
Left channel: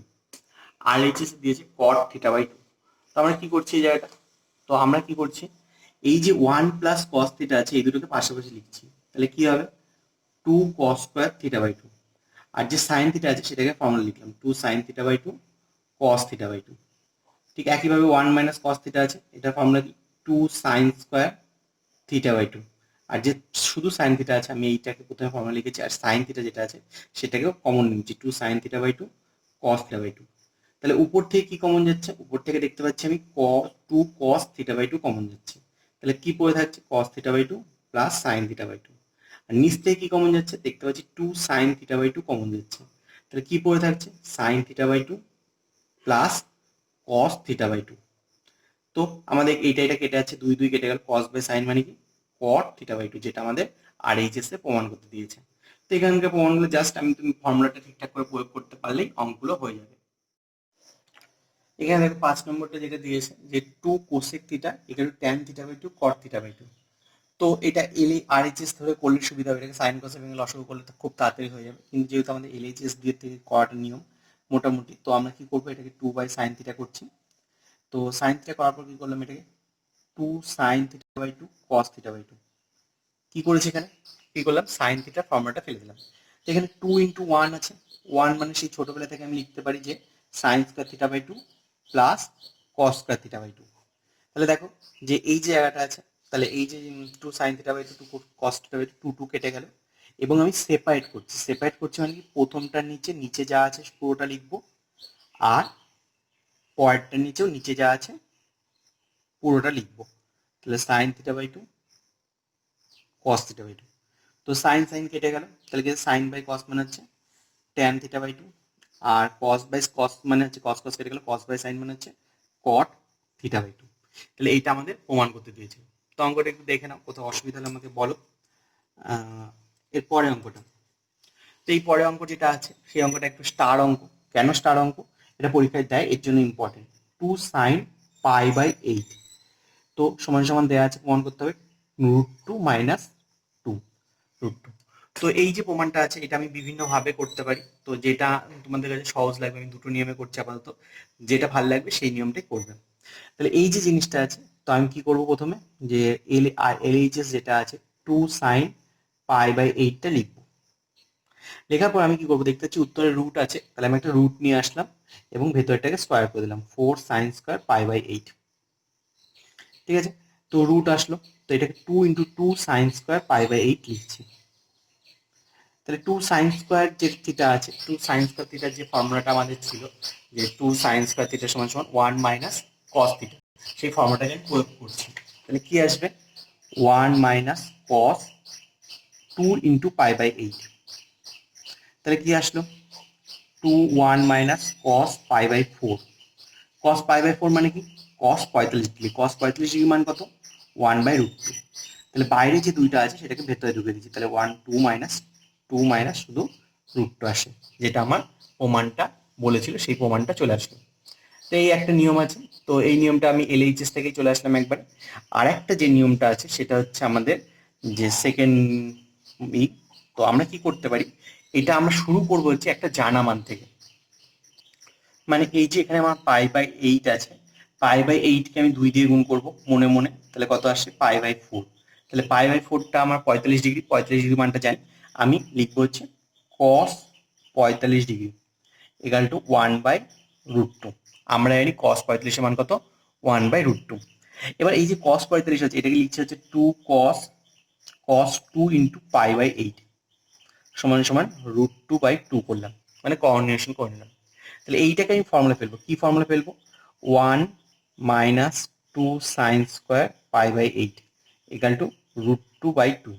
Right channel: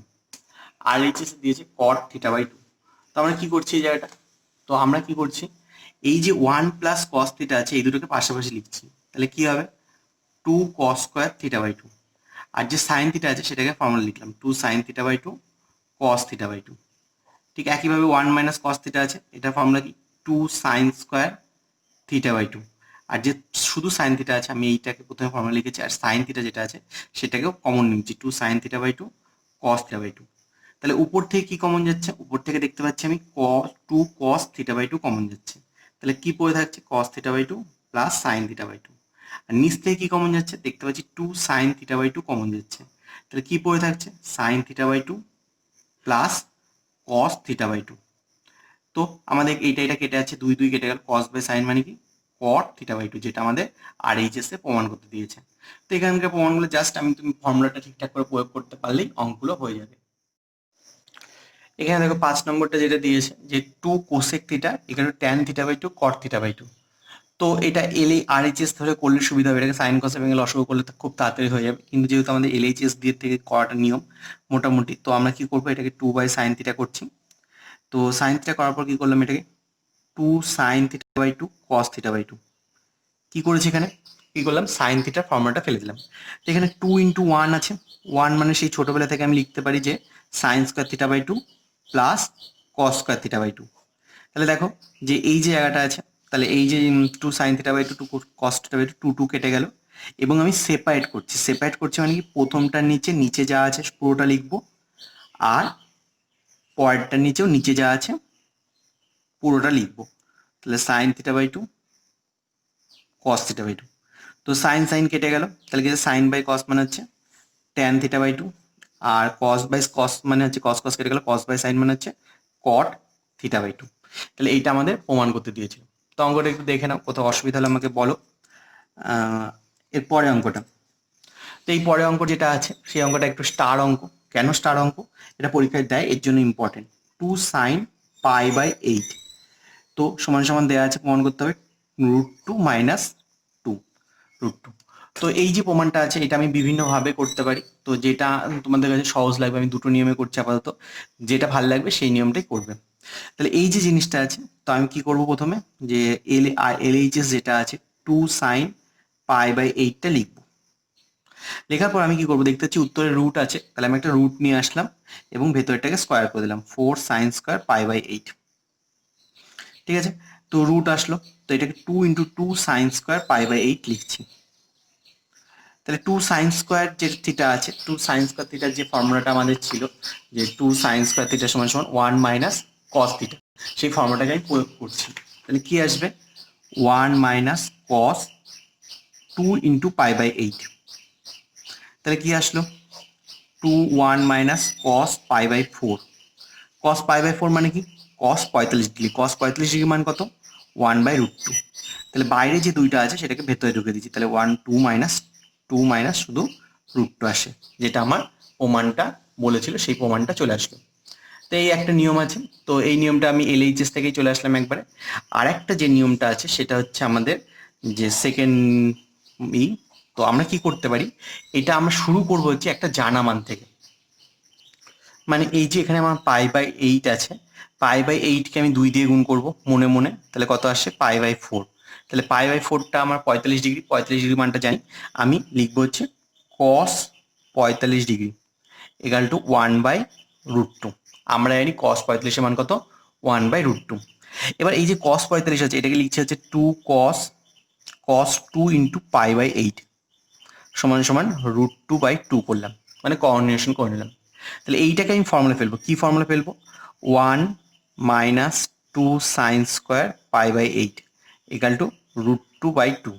RHS এ দিয়েছে cot থিটা বাই 2। তো আমরা কি করছি এই জায়গাটা, তো আমরা কি করছি, এই যে 1 প্লাস কস থিটা আছে এই দুটোকে পাশাপাশি লিখছি। তাহলে কি হবে, 2 cos স্কয়ার থিটা বাই 2, আর যে সাইন থিটা আছে সেটাকে ফর্মুলা লিখলাম 2 sin theta by 2 cos theta by 2। ঠিক একইভাবে 1 মাইনাস cos থিটা আছে, এটা ফর্মুলা কি, 2 sin স্কয়ার থিটা বাই 2, আর যে শুধু সাইন থিটা আছে আমি এইটাকে প্রথমে ফর্মুলা লিখেছি, আর সাইন থিটা যেটা আছে সেটাকেও কমন নিচ্ছি, 2 sin theta by 2 cos theta by 2। তাহলে উপর থেকে কি কমন যাচ্ছে, উপর থেকে দেখতে পাচ্ছি আমি 2 cos থিটা বাই 2 কমন যাচ্ছে। তাহলে কি পড়ে থাকছে, cos theta by 2 plus sin theta by 2। আর নিচ থেকে কি কমন যাচ্ছে, দেখতে পাচ্ছি 2 sin থিটা বাই 2 কমন যাচ্ছে। তাহলে কি পড়ে থাকছে, sin theta by 2 plus cos theta by 2। তো আমাদের এটা কেটে যাচ্ছে, 2 2 কেটে গেল, cos বাই sin মানে কি, cot থিটা বাই 2, যেটা আমাদের RHS এ প্রমাণ করতে দিয়েছে। তো এখানকার প্রমাণগুলো জাস্ট তুমি ফর্মুলাটা ঠিকঠাক করে প্রয়োগ করতে পারলেই অঙ্কগুলো হয়ে যাবে। এখানে দেখো 5 নম্বরটা যেটা দিয়েছে যে 2 cosec theta equal to tan theta by 2 cot theta by 2। তো এটা RHS ধরে করলে সুবিধা হবে, এটাকে সাইন কস এবং লসাগু করলে তো খুব তাড়াতাড়ি হয়ে যাবে, কিন্তু যেহেতু আমাদের LHS দিয়ে থেকে করাটা নিয়ম মোটামুটি, তো আমরা কি করবো, এটাকে 2 বাই সাইন থিটা করছি। তো সাইন থিটা করার পর কি করলাম, এটাকে 2 sin theta by 2 cos theta by 2 কি করেছি, এখানে কি করলাম, সাইন থিটার ফর্মুলাটা ফেলে দিলাম। তো এখানে 2 ইন্টু 1 আছে, 1 মানে সেই ছোটবেলা থেকে আমি লিখতে পারি যে sine square theta by 2 plus cos square theta by 2। তাহলে দেখো যে এই যে জায়গাটা আছে, তাহলে এই যে 2 sine theta by 2 2 cos theta by 2 2 2 কেটে গেল, এবং আমি সেপারেট করছি মানে কি, প্রথমটার নিচে যা আছে পুরোটা লিখবো, আর পরেরটার নিচে যা আছে পুরোটা লিখবো। তাহলে sine theta by 2 cos theta by 2, তো সাইন সাইন কেটে গেল, তাহলে কি সাইন বাই কস মানে হচ্ছে ট্যান থিটা বাই 2, আর কস বাই কস মানে হচ্ছে কস কস কেটে গেল, কস বাই সাইন মানে হচ্ছে কট থিটা বাই 2। তাহলে এইটা আমাদের প্রমাণ করতে দিয়েছে। তো অঙ্কটা একটু দেখে নাও, কোথাও অসুবিধা হলে আমাকে বলো। এর পরে অঙ্কটা, তো এই পরে অঙ্ক যেটা আছে সেই অঙ্কটা একটু স্টার অঙ্ক। কেন স্টার অঙ্ক? এটা পরীক্ষায় দেয়, এর জন্য ইম্পর্টেন্ট। 2 sin π/8, তো সমান সমান দেওয়া আছে, প্রমাণ করতে হবে √2 - 2 √2। তো এই যে প্রমাণটা আছে এটা আমি বিভিন্নভাবে করতে পারি, তো যেটা তোমাদের কাছে সহজ লাগবে, আমি দুটো নিয়মে করছি আপাতত, যেটা ভালো লাগবে সেই নিয়মটাই করবে। তাহলে এই যে জিনিসটা আছে, তো আমি কি করব প্রথমে, যে LHS যেটা আছে 2 sin π/8টা লিখবো। লেখার পর আমি কি করবো, দেখতে পাচ্ছি উত্তরে রুট আছে, তাহলে আমি একটা রুট নিয়ে আসলাম এবং ভেতরটাকে স্কোয়ার করে দিলাম, 4 sin স্কোয়ার π/8। ঠিক আছে, তো রুট আসলো, তো এটাকে 2 × 2 sin স্কোয়ার π/8 লিখছি। তাহলে 2 sin স্কোয়ার যে থিটা আছে, 2 sin স্কোয়ার থিটার যে ফর্মুলাটা আমাদের ছিল, যে 2 sin স্কোয়ার থিটা সমান সমান 1 - cos থিটা, সেই ফর্মুলাটাকে আমি প্রয়োগ করছি। তাহলে কি আসবে, 1 - cos 2 × π/8। তাহলে কি আসলো, 1 - cos π/4। cos π/4 মানে কি, cos 45 ডিগ্রি। cos 45 ডিগ্রি মান কত, 1/√2। তাহলে বাইরে যে দুইটা আছে সেটাকে ভেতরে ঢুকে দিচ্ছি, তাহলে 2 - শুধু √2 আসে, যেটা আমার প্রমাণটা বলেছিল, সেই প্রমাণটা চলে আসলো। তো এই একটা নিয়ম আছে, তো এই নিয়মটা আমি LHS থেকেই চলে আসলাম একবারে। আর একটা যে নিয়মটা আছে সেটা হচ্ছে আমাদের যে সেকেন্ড ই, তো আমরা কি করতে পারি, এটা আমরা শুরু করবো হচ্ছে একটা জানা মান থেকে। মানে এই যে এখানে আমার π/8 আছে, π/8কে আমি 2 দিয়ে গুণ করব মনে মনে, তাহলে কত আসে, π/4। তাহলে π/4টা আমার 45 ডিগ্রি, 45 ডিগ্রি মানটা জানি, আমি লিখবো হচ্ছে cos 45 ডিগ্রি ইকাল টু 1/√2। আমরা জানি cos 45 এর মান কত, 1/√2। এবার এই যে cos 45 আছে, এটাকে লিখছে হচ্ছে 2 cos 2 × π/8 সমান সমান √2/2 করলাম, মানে কোঅর্ডিনেশন করে নিলাম। তাহলে এইটাকে আমি ফর্মুলা ফেলবো, কি ফর্মুলা ফেলবো, 1 - 2 sin স্কোয়ার π/8 ইকাল টু √2/2।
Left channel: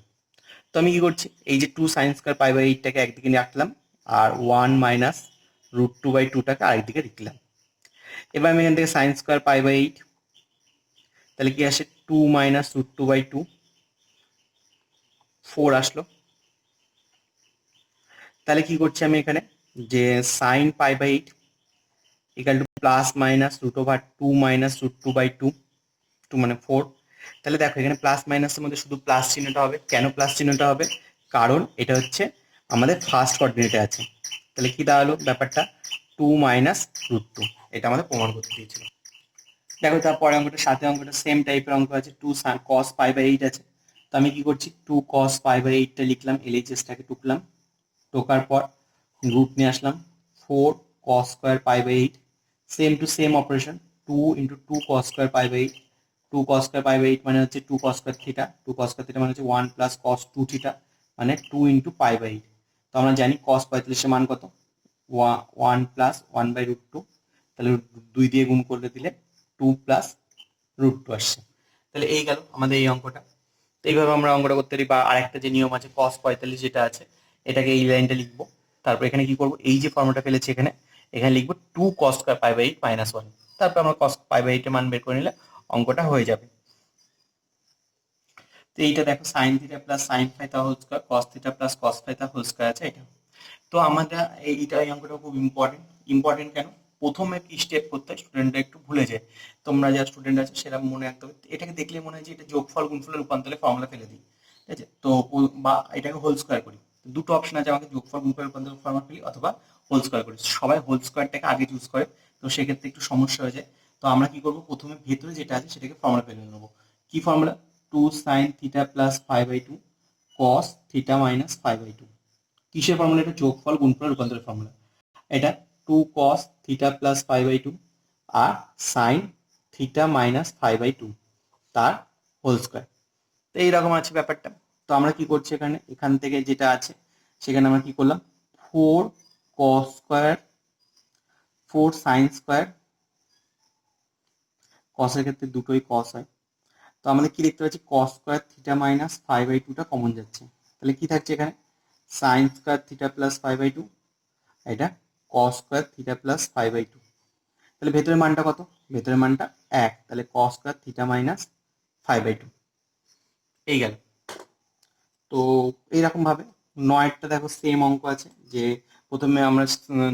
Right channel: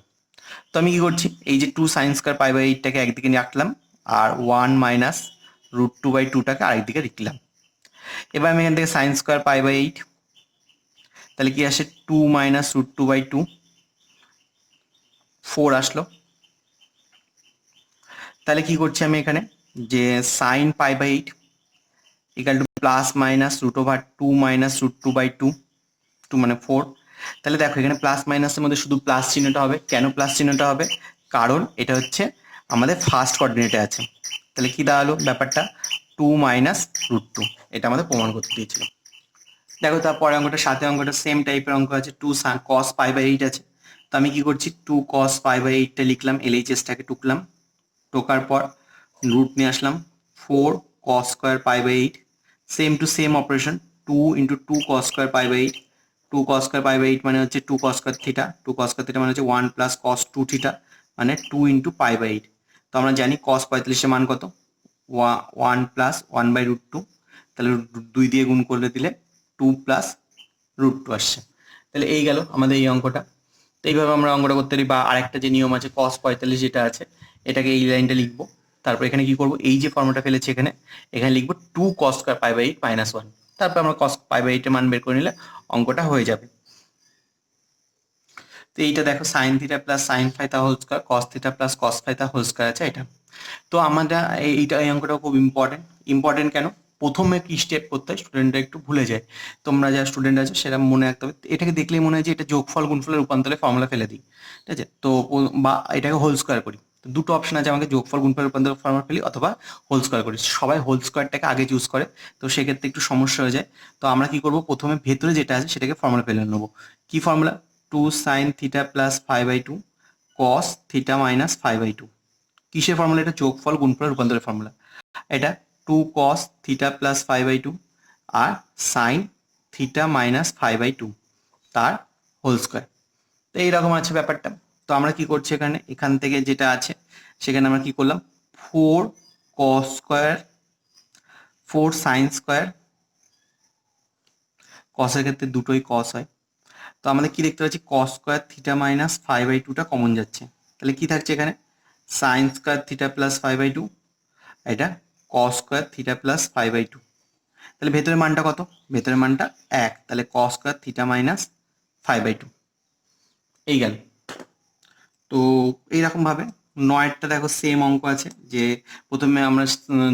তো আমি কি করছি, এই যে 2 sin স্কোয়ার π/8টাকে একদিকে নিয়ে রাখলাম, আর 1 - √2/2টাকে আরেকদিকে লিখলাম। এবার আমি এখান থেকে sin স্কোয়ার π/8, তাহলে কি আসে, 2 - √2/2, 4 আসলো। তাহলে কি করছি আমি এখানে, যে sin π/8 equal to plus minus √2 - √2/2, 2 মানে 4। তাহলে দেখো এখানে প্লাস মাইনাসের মধ্যে শুধু প্লাস চিহ্নটা হবে, কেন প্লাস চিহ্নটা হবে, কারণ এটা হচ্ছে আমাদের ফার্স্ট কোঅর্ডিনেটে আছে। তাহলে কি দাঁড়ালো ব্যাপারটা, 2 - √2, এটা আমাদের প্রমাণ করতে দিয়েছিল। দেখো তারপরে অঙ্কটা, সাথে অঙ্কটা সেম টাইপের অঙ্ক আছে, 2 cos π/8 আছে। তো আমি কি করছি, 2 cos π/8টা লিখলাম, LHSটাকে টুকলাম, টোকার পর রুট নিয়ে আসলাম, 4 cos square π/8, same to same operation, 2 × 2 cos square π/8। 2 cos square π/8 মানে হচ্ছে 2 cos square theta, 2 cos square theta মানে হচ্ছে 1 + cos 2 থিটা, মানে 2 × π/8। তো আমরা জানি cos 45 এর মান কত, 1 + 1/√2, তাহলে 2 দিয়ে গুণ করলে দিলে 2 + √2 আসছে। তাহলে এই গেল আমাদের এই অঙ্কটা। তো এইভাবে আমরা অঙ্কটা করতে পারি। বা আরেকটা যে নিয়ম আছে, cos 45 যেটা আছে, এটাকে এই লাইনটা লিখবো, তারপর এখানে কি করব, এই যে ফর্মুলাটা ফেলেছি এখানে, এখানে লিখবো 2 cos স্কয়ার π/8 - 1। তারপর আমরা cos π/8 এর মান বের করে নিলে অঙ্কটা হয়ে যাবে। তো এইটা দেখো sin theta plus sin phi তা whole square, cos theta plus cos phi তা হোল স্কয়ার আছে এটা। তো আমাদের এই অঙ্কটা খুব ইম্পর্টেন্ট কেন, প্রথমে কি স্টেপ করতে হয় স্টুডেন্টরা একটু ভুলে যায়। তোমরা যারা স্টুডেন্ট আছো সেটা মনে রাখতে হবে, এটাকে দেখলেই মনে হয় যে এটা যোগফল গুণফলের রূপান্তরে ফর্মুলা ফেলে দিই, ঠিক আছে। তো বা এটাকে হোল স্কয়ার করি, তো দুটো অপশন আছে, আমাকে যোগফল গুণফলের রূপান্তরে ফর্মুলা ফেলি অথবা হোল স্কয়ার করি। সবাই হোল স্কয়ারটাকে আগে চুজ করে, তো সেক্ষেত্রে একটু সমস্যা হয়ে যায়। তো আমরা কি করব, প্রথমে ভেতরে যেটা আছে সেটাকে ফর্মুলা ফেলে নেবো। কি formula, 2 sin theta plus 5/2 cos theta minus 5/2। কিসের ফর্মুলা, এটা যোগফল গুণফল রূপান্তরের ফর্মুলা। এটা 2 cos থিটা প্লাস 5/2 আর sin থিটা মাইনাস 5/2 তার হোল স্কয়ার। তো এইরকম আছে ব্যাপারটা। তো আমরা কি করছি, এখান থেকে যেটা আছে সেখানে আমরা কি করলাম, 4 cos স্কয়ার 4 sin স্কয়ার, কসের ক্ষেত্রে দুটোই cos হয়। তো আমাদের কি দেখতে পাচ্ছি, cos স্কয়ার থিটা মাইনাস 5/2টা কমন যাচ্ছে, তাহলে কি থাকছে এখানে, sin স্কয়ার থিটা প্লাস 5/2, এটা cos স্কয়ার থিটা প্লাস 5/2। তাহলে ভেতরের মানটা কত, ভেতরের মানটা 1, তাহলে cos স্কয়ার থিটা মাইনাস 5/2 এই গেল। তো এইরকম ভাবে 9টা দেখো সেম অঙ্ক আছে, যে প্রথমে আমরা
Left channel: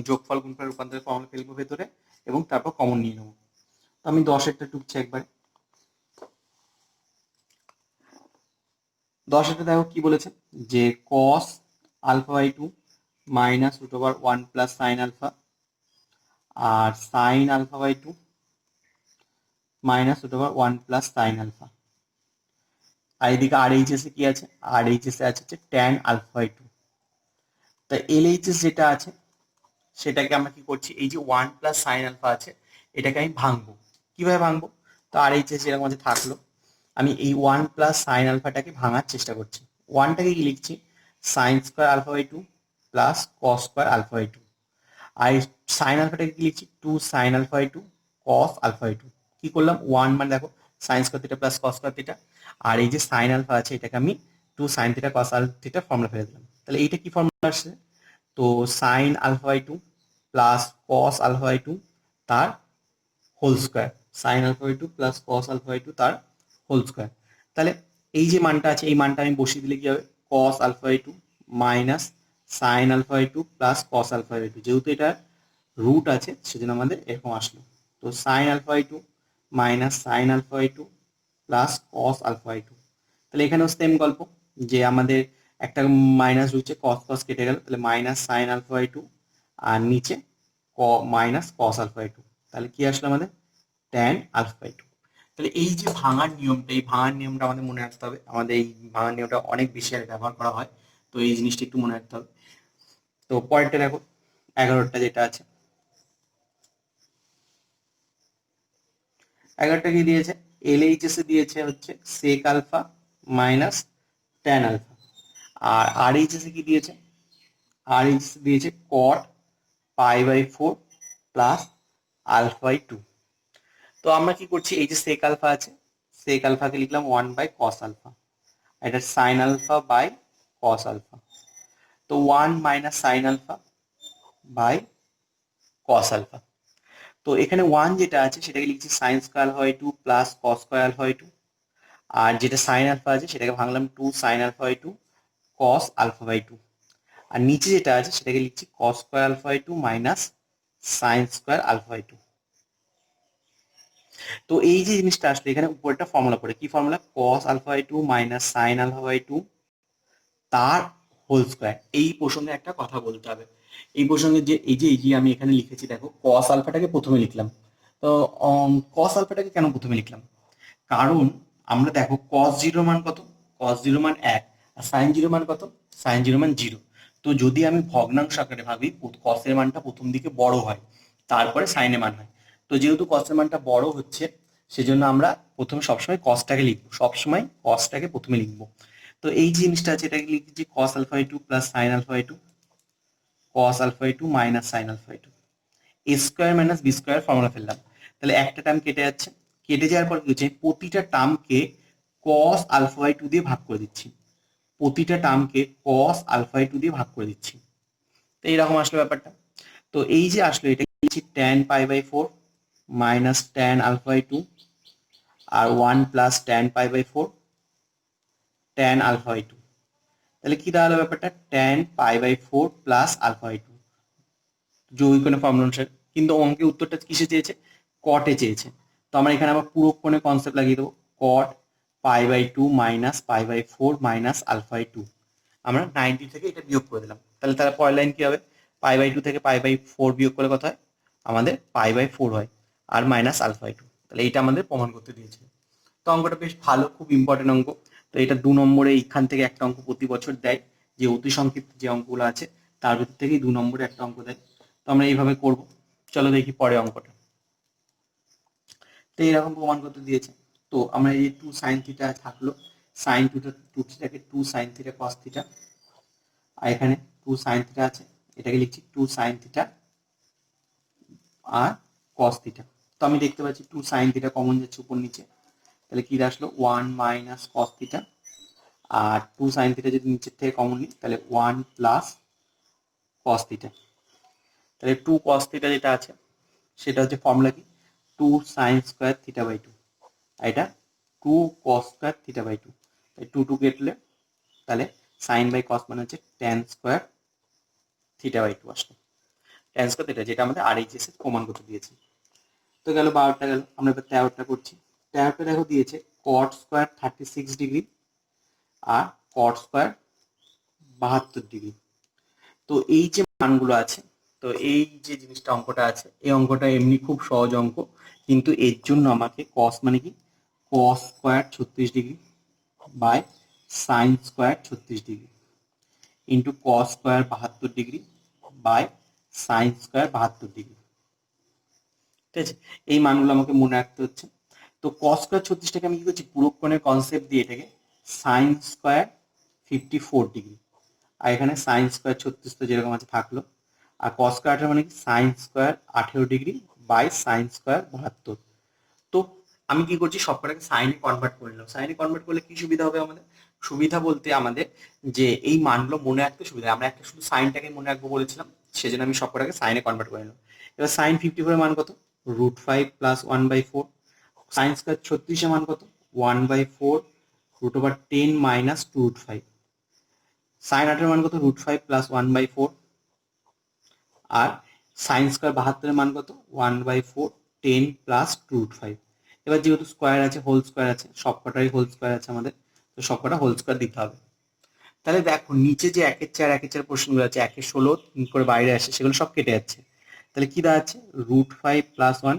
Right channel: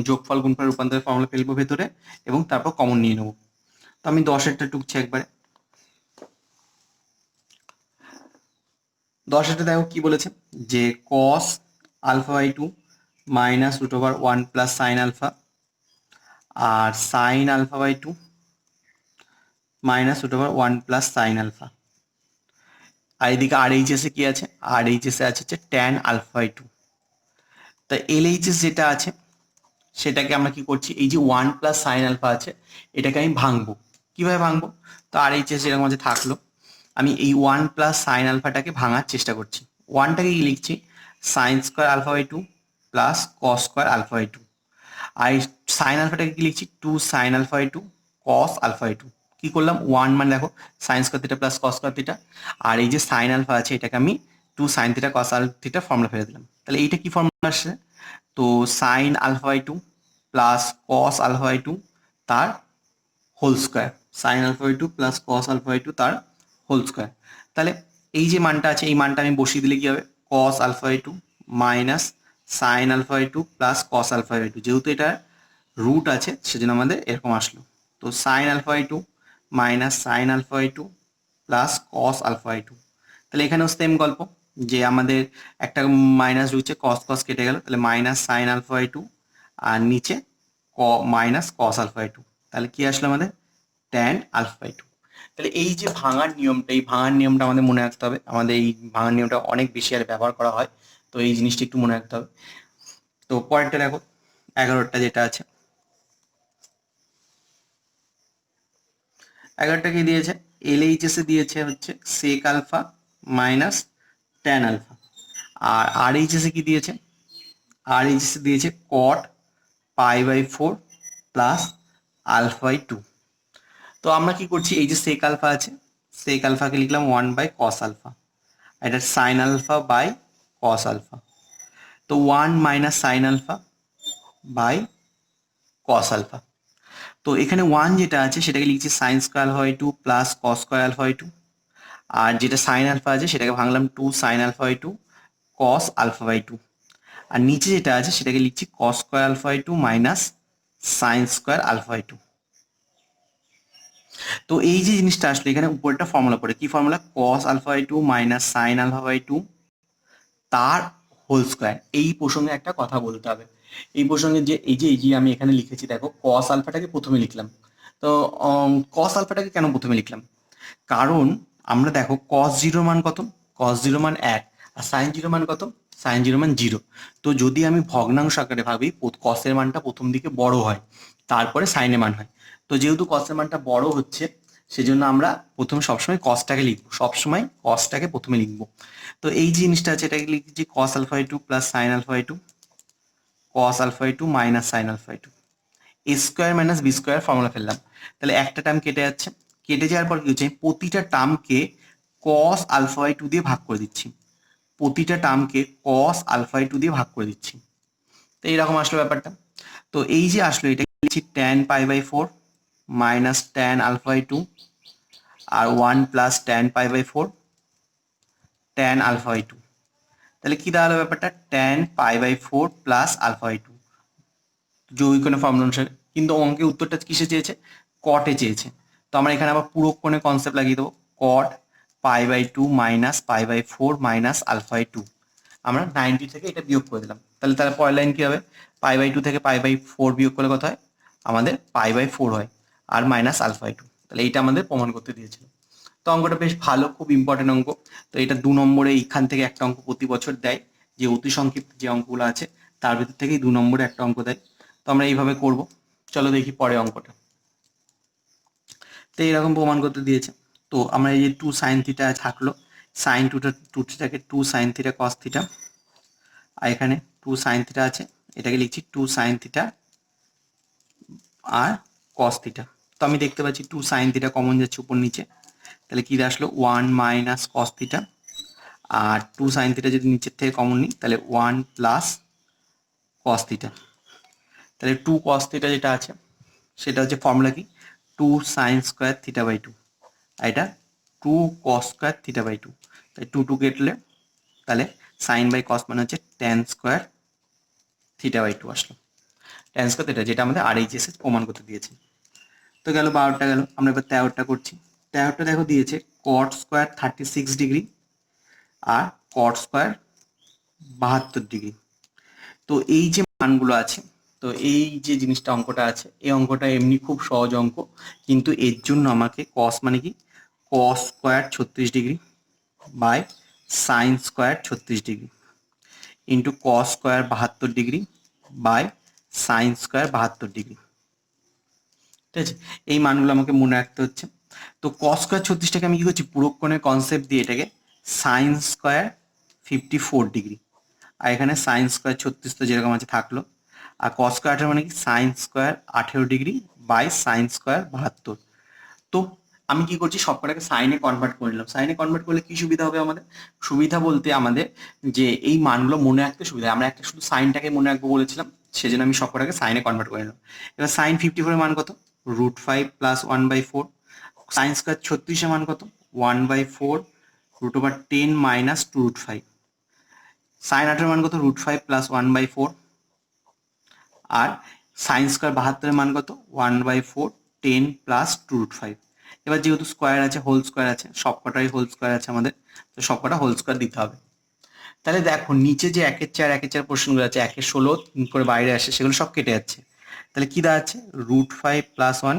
যোগফল গুণফল রূপান্তরের ফর্মুলা ফেলবো ভেতরে এবং তারপর কমন নিয়ে নেবো। তো আমি 10এরটা টুকছি একবারে। 10এরটা দেখো কি বলেছে, যে cos alpha by 2 minus root over 1 plus sine alpha, আর sine alpha by 2 minus root over 1 plus sine alpha. আর এদিকে আর এইচএসে কি আছে, আর এইচএসে আছে হচ্ছে ট্যান আলফা বাই 2। তা এলএইচএস যেটা আছে সেটাকে আমরা কি করছি, এই যে 1 প্লাস সাইন আলফা আছে এটাকে আমি ভাঙবো। কিভাবে ভাঙবো, তো আর এইচএস এর মধ্যে থাকলো, আমি এই 1 প্লাস সাইন আলফাটাকে ভাঙার চেষ্টা করছি। 1টাকে কি লিখছি, sine square alpha by 2 plus cos square alpha by 2। আর সাইন আলফাটাকে কি লিখছি, 2 sine alpha by 2 cos alpha by 2। কি করলাম, 1 মানে দেখো sine square theta plus cos square theta, আর এই যে সাইন আলফা আছে এটাকে আমি 2 sine theta cos alpha theta formula ফেলে দিলাম। তাহলে এইটা কি ফর্মুলা আসছে, তো sine alpha by 2 plus cos alpha by 2 তার whole square, sine alpha by 2 plus cos alpha by 2 তার হোল স্কোয়ার। তাহলে এই যে মানটা আছে এই মানটা আমি বসিয়ে দিলে কি হবে, cos alpha by 2 minus sine alpha by 2 plus cos alpha by 2, যেহেতু এটা রুট আছে সেজন্য আমাদের এরকম আসলো। তো sine alpha by 2 minus sine alpha by 2 plus cos alpha by 2। তাহলে এখানেও সেম গল্প, যে আমাদের একটা মাইনাস ঢুকছে, কস কস কেটে গেল, তাহলে মাইনাস সাইন আলফা বাই 2 আর নিচে মাইনাস কস আলফা বাই 2। তাহলে কি আসলো আমাদের, ট্যান আলফা বাই 2। তাহলে এই যে ভাঙার নিয়মটা, এই ভাঙার নিয়মটা আমাদের মনে রাখতে হবে। আমাদের এই ভাঙার নিয়মটা অনেক বেশি আর ব্যবহার করা হয়, তো এই জিনিসটা একটু মনে রাখতে হবে। তো পরেরটা দেখো, 11টা যেটা আছে, 11টা কি দিয়েছে, এলএইচএস এ দিয়েছে হচ্ছে sec alpha minus tan alpha. আর আরএইচএস এ কি দিয়েছে, আরএইচএস এ দিয়েছে cot pi by 4 plus alpha by 2। তো আমরা কি করছি, এই যে সেক আলফা আছে, সেক আলফাকে লিখলাম 1 বাই কস আলফা, এটা sine alpha by cos alpha. তো 1 minus sine alpha by cos alpha. তো এখানে 1 যেটা আছে সেটাকে লিখছি sine square alpha by 2 plus cos square alpha by 2। আর যেটা সাইন আলফা আছে সেটাকে ভাঙলাম 2 sine alpha by 2 cos alpha by 2। আর নিচে যেটা আছে সেটাকে লিখছি cos square alpha by 2 minus sine square alpha by 2। তো এই যে জিনিসটা আসলে এখানে উপরটা ফর্মুলা পড়ে, কি formula, cos alpha by 2 minus sine alpha by 2 তার হোল স্কোয়ার। এই প্রসঙ্গে একটা কথা বলতে হবে, এই প্রসঙ্গে যে এই যে আমি এখানে লিখেছি দেখো, কস আলফাটাকে প্রথমে লিখলাম। তো কস আলফাটাকে কেন প্রথমে লিখলাম, কারণ আমরা দেখো কস জিরো মান কত, কস জিরো মান 1, আর সাইন জিরো মান কত, সাইন জিরো মান 0। তো যদি আমি ভগ্নাংশ আকারে ভাবি, কসের মানটা প্রথম দিকে বড় হয় তারপরে সাইনের মান হয়। তো যেহেতু কসের মানটা বড় হচ্ছে সেজন্য আমরা প্রথমে সবসময় কসটাকে লিখবো, সবসময় কসটাকে প্রথমে লিখবো। তো এই জিনিসটা আছে এটাকে লিখছি cos alpha by 2 plus sine alpha by 2 cos alpha by 2 minus sine alpha by 2। A square minus B square formula ফেললাম। তাহলে একটা টার্ম কেটে যাচ্ছে, কেটে যাওয়ার পর কি হচ্ছে, প্রতিটা টার্মকে কস আলফা বাই 2 দিয়ে ভাগ করে দিচ্ছি, প্রতিটা টার্মকে কস আলফা বাই 2 দিয়ে ভাগ করে দিচ্ছি। তো এইরকম আসলো ব্যাপারটা। তো এই যে আসলো এটা লিখছি tan pi by 4 minus tan alpha by 2 আর 1 plus tan pi by 4 tan alpha by 2। তাহলে কি দাঁড়ালো ব্যাপারটা, tan pi by 4 plus alpha by 2 যৌগিকোণের ফর্মুলা অনুসারে। কিন্তু অঙ্কে উত্তরটা কিসে চেয়েছে, কটে চেয়েছে। তো আমরা এখানে আবার পুরো কোণে কনসেপ্ট লাগিয়ে দেবো, cot pi by 2 minus pi by 4 minus alpha by 2। আমরা 90 থেকে এটা বিয়োগ করে দিলাম। তাহলে তার পরের লাইন কি হবে, পাই বাই 2 থেকে পাই বাই 4 বিয়োগ করলে কত হয়, আমাদের পাই বাই 4 হয়, আর মাইনাস আলফা বাই 2। তাহলে এইটা আমাদের প্রমাণ করতে দিয়েছিল। তো অঙ্কটা বেশ ভালো, খুব ইম্পর্টেন্ট অঙ্ক। তো এটা 2 নম্বরে এইখান থেকে একটা অঙ্ক প্রতি বছর দেয়, যে অতি সংক্ষিপ্ত যে অঙ্কগুলো আছে তার ভিতর থেকেই 2 নম্বরে একটা অঙ্ক দেয়। তো আমরা এইভাবে করব। চলো দেখি পরে অঙ্কটা। তো এইরকম প্রমাণ করতে দিয়েছে। তো আমরা এই যে 2 সাইন থিটা থাকলো, সাইন টু থিটাকে 2 সাইন থিটা কস থিটা, আর এখানে 2 সাইন থিটা আছে, এটাকে লিখছি 2 সাইন থিটা আর কস থিটা। তো আমি দেখতে পাচ্ছি 2 সাইন থিটা কমন যাচ্ছে উপর নিচে, তাহলে কি আসলো 1 মাইনাস কস থিটা, আর 2 সাইন থিটা যদি নিচের থেকে কমন নিই তাহলে 1 প্লাস কস থিটা। তাহলে 2 কস থিটা যেটা আছে সেটা হচ্ছে ফর্মুলা কি, 2 সাইন স্কোয়ার থিটা বাই 2, আর এটা 2 কস স্কোয়ার থিটা বাই 2। তাই 2 কেটলে তাহলে সাইন বাই কস মানে হচ্ছে ট্যান স্কোয়ার থিটা বাই 2 আসলো। ট্যান স্কোয়ার থিটা, যেটা আমাদের RHS প্রমাণ করতে দিয়েছে। তো গেল 12টা গেল। আমরা এবার 13টা করছি। 13টা দেখো দিয়েছে কট স্কোয়ার 36 ডিগ্রি আর কট স্কোয়ার 72 ডিগ্রি। তো এই যে মানগুলো আছে, তো এই যে জিনিসটা অঙ্কটা আছে, এই অঙ্কটা এমনি খুব সহজ অঙ্ক, কিন্তু এর জন্য আমাকে কস মানে কি, cos square 36 degree by sine square 36 degree into cos square 72 degree by sine square 72 degree. ঠিক আছে, এই মানগুলো আমাকে মনে রাখতে হচ্ছে। তো কস স্কোয়ার 36টাকে আমি কি করছি, পুরোক্ষণের কনসেপ্ট দিয়ে এটাকে সাইন স্কোয়ার 54 ডিগ্রি, আর এখানে সাইন স্কোয়ার 36 তো যেরকম আছে থাকলো, আর কস স্কোয়ার মানে কি sine square 18 degree by sine square 72। তো আমি কি করছি, সবকটাকে সাইনে কনভার্ট করে নিলাম। সাইনে কনভার্ট করলে কি সুবিধা হবে আমাদের, সুবিধা বলতে আমাদের যে এই মানগুলো মনে রাখতে সুবিধা। আমরা একটা শুধু সাইনটাকে মনে রাখবো বলেছিলাম, সেজন্য আমি সবকটাকে সাইনে কনভার্ট করে নিলাম। এবার সাইন 54 এর মান কত, √5 প্লাস 1/4। সাইন স্কোয়ার 36 এর মান কত, 1/4 √10 মাইনাস 2√5। সাইন 18 এর মান কত, √5 প্লাস 1/4। আর সাইন স্কোয়ার 72 এর মান কত, 1/4 10 প্লাস 2√5। এবার যেহেতু স্কোয়ার আছে, হোল স্কোয়ার আছে, সবকটাই হোল স্কোয়ার আছে আমাদের, তো সবকটা হোল স্কোয়ার দিতে হবে। তাহলে দেখো নিচে যে 1/4 পোর্শনগুলো আছে, 1/16 করে বাইরে আসে, সেগুলো সব কেটে যাচ্ছে। তাহলে কি দাঁড়াচ্ছে, √5 plus 1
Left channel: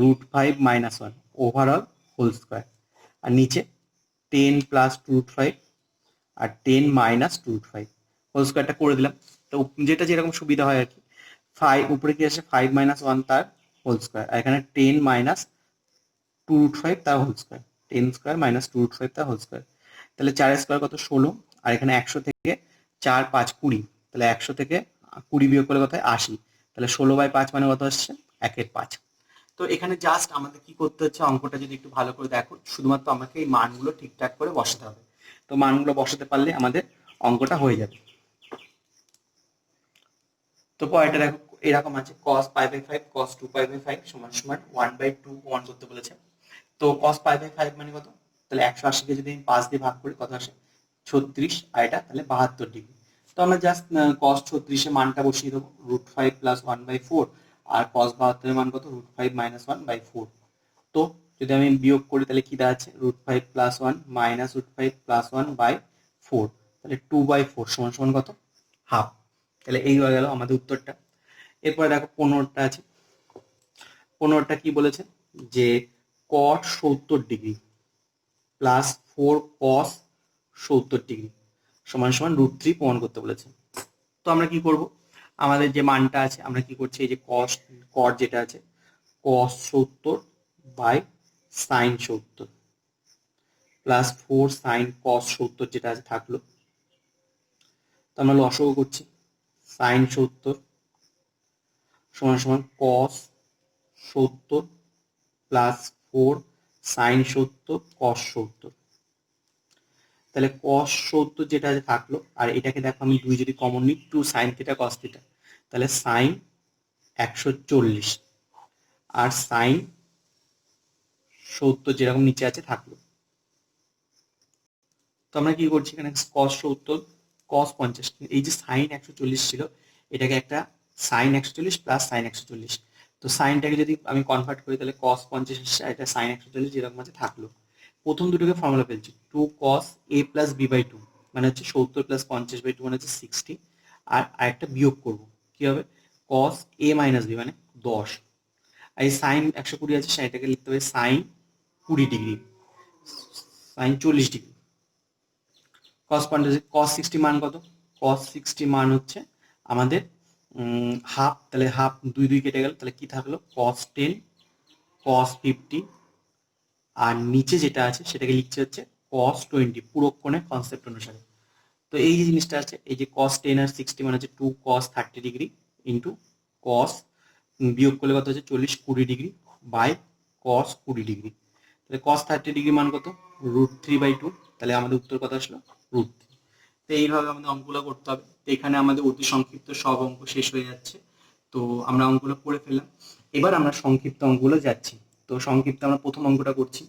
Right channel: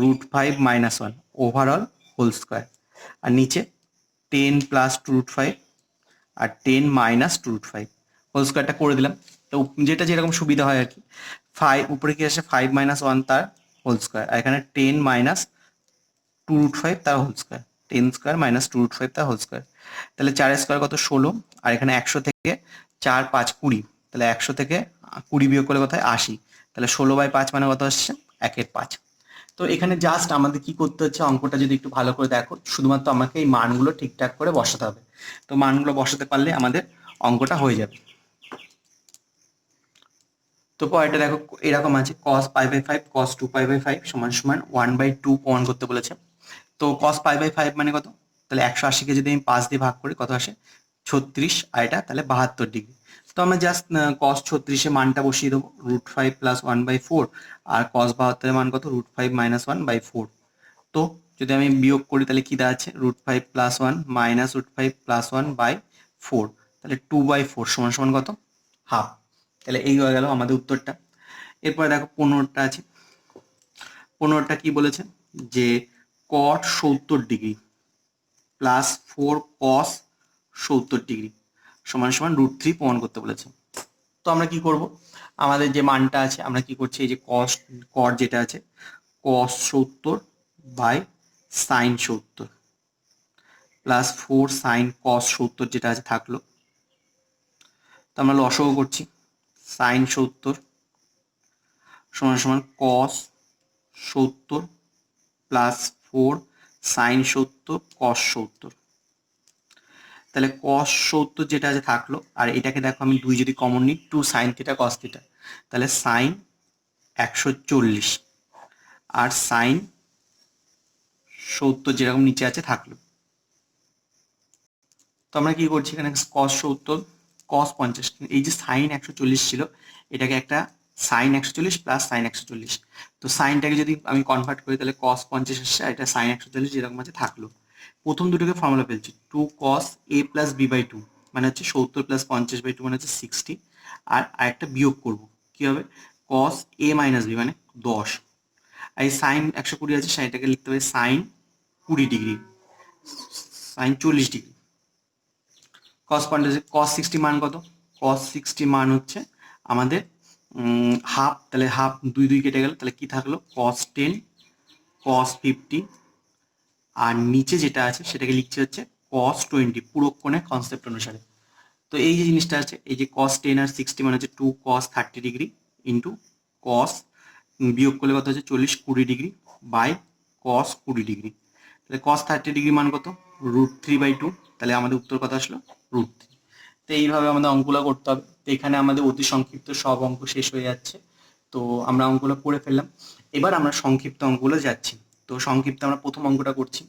√5 minus 1 overall whole square. আর নিচে 10 প্লাস 2√5 আর 10 মাইনাস 2√5 হোল স্কোয়ারটা করে দিলাম। তো যেটা যেরকম সুবিধা হয় আর কি। 5 উপরে কি আসে, 5 মাইনাস 1 তার হোল স্কোয়ার, আর এখানে 10 মাইনাস 2√5 তার হোল স্কোয়ার, 10 স্কোয়ার মাইনাস 2√5 তার হোল স্কোয়ার। তাহলে 4 স্কোয়ার কত, 16, আর এখানে 100 থেকে 4 5 20, তাহলে 100 থেকে 20 বিয়োগ করলে কোথায় 80, তাহলে 16/5 মানে কত আসছে, 1/5। তো এখানে জাস্ট আমাদের কি করতে হচ্ছে, অঙ্কটা যদি একটু ভালো করে দেখো, শুধুমাত্র আমাকে এই মানগুলো ঠিকঠাক করে বসাতে হবে। তো মানগুলো বসাতে পারলে আমাদের অঙ্কটা হয়ে যাবে। তো পরেরটা দেখো এরকম আছে, cos π/5 cos 2π/5 সমান সমান 1/2 প্রমাণ করতে বলেছে। তো cos π/5 মানে কত, তাহলে 180কে যদি আমি 5 দিয়ে ভাগ করি কত আসে, 36, আর এটা তাহলে 72 ডিগ্রি। তো আমরা জাস্ট cos 36 এর মানটা বসিয়ে দেবো, √5 প্লাস 1/4, আর cos 72 এর মান কত, √5 মাইনাস 1/4। তো যদি আমি বিয়োগ করি তাহলে কি দাঁড়াচ্ছে, √5 প্লাস 1 মাইনাস √5 প্লাস 1/4, তাহলে 2/4 সমান সমান কত, হাফ। তাহলে এই হয়ে গেল আমাদের উত্তরটা। এরপরে দেখো 15টা আছে। 15টা কি বলেছে, যে cot 70 degree plus 4 cos 70 degree সমান সমান √3 প্রমাণ করতে বলেছে। তো আমরা কি করব, আমাদের যে মানটা আছে আমরা কি করছি, এই যে cot যেটা আছে cos 70 by sin 70 plus 4 sin cos 70 যেটা আছে থাকলো। তো আমরা লসাগু করছি, sin 70 সমান সমান cos 70 প্লাস 4 sin 70 cos 70। তাহলে cos 70 যেটা আছে থাকলো, আর এটাকে দেখো আমি 2 যদি কমন নিই, 2 sin থিটা cos থিটা, তাহলে sin 140 আর sin 70 যেরকম নিচে আছে থাকলো। তো আমরা কি করছি, এখানে cos 70 cos 50, এই যে sin 140 ছিল, এটাকে একটা sin 140 প্লাস sin 140, তো সাইনটাকে যদি আমি কনভার্ট করি তাহলে cos 50 আসছে, আর এটা sin 140 যেরকম আছে থাকলো। প্রথম দুটোকে ফর্মুলা ফেলছি, 2 cos a প্লাস b/2 মানে হচ্ছে 70 প্লাস 50/2 মানে হচ্ছে 60, আর আরেকটা বিয়োগ করব, কি হবে, cos a মাইনাস b মানে 10, আর এই sin 120 আছে, সেটাকে লিখতে হবে sin 20 degree, sin 40 degree. cos 50, cos 60 মান কত, cos 60 মান হচ্ছে আমাদের হাফ, তাহলে হাফ 2 কেটে গেল, তাহলে কি থাকলো, cos 10 cos 50, আর নিচে যেটা আছে সেটাকে লিখছে হচ্ছে cos 20 পুরোক্ষণের কনসেপ্ট অনুসারে। তো এই যে জিনিসটা আছে, এই যে cos 10 আর 60 মানে হচ্ছে 2 cos 30 ডিগ্রি ইন্টু cos, বিয়োগ করলে কত হচ্ছে 40 20 ডিগ্রি বাই cos 20 ডিগ্রি। তাহলে cos 30 ডিগ্রি মান কত, √3/2, তাহলে আমাদের উত্তর কত আসলো, √3। তো এইভাবে আমাদের অঙ্কগুলো করতে হবে। তো এখানে আমাদের অতি সংক্ষিপ্ত সব অঙ্ক শেষ হয়ে যাচ্ছে। তো আমরা অঙ্কগুলো করে ফেললাম, এবার আমরা সংক্ষিপ্ত অঙ্কগুলো যাচ্ছি। তো সংক্ষিপ্ত আমরা প্রথম অঙ্কটা করছি।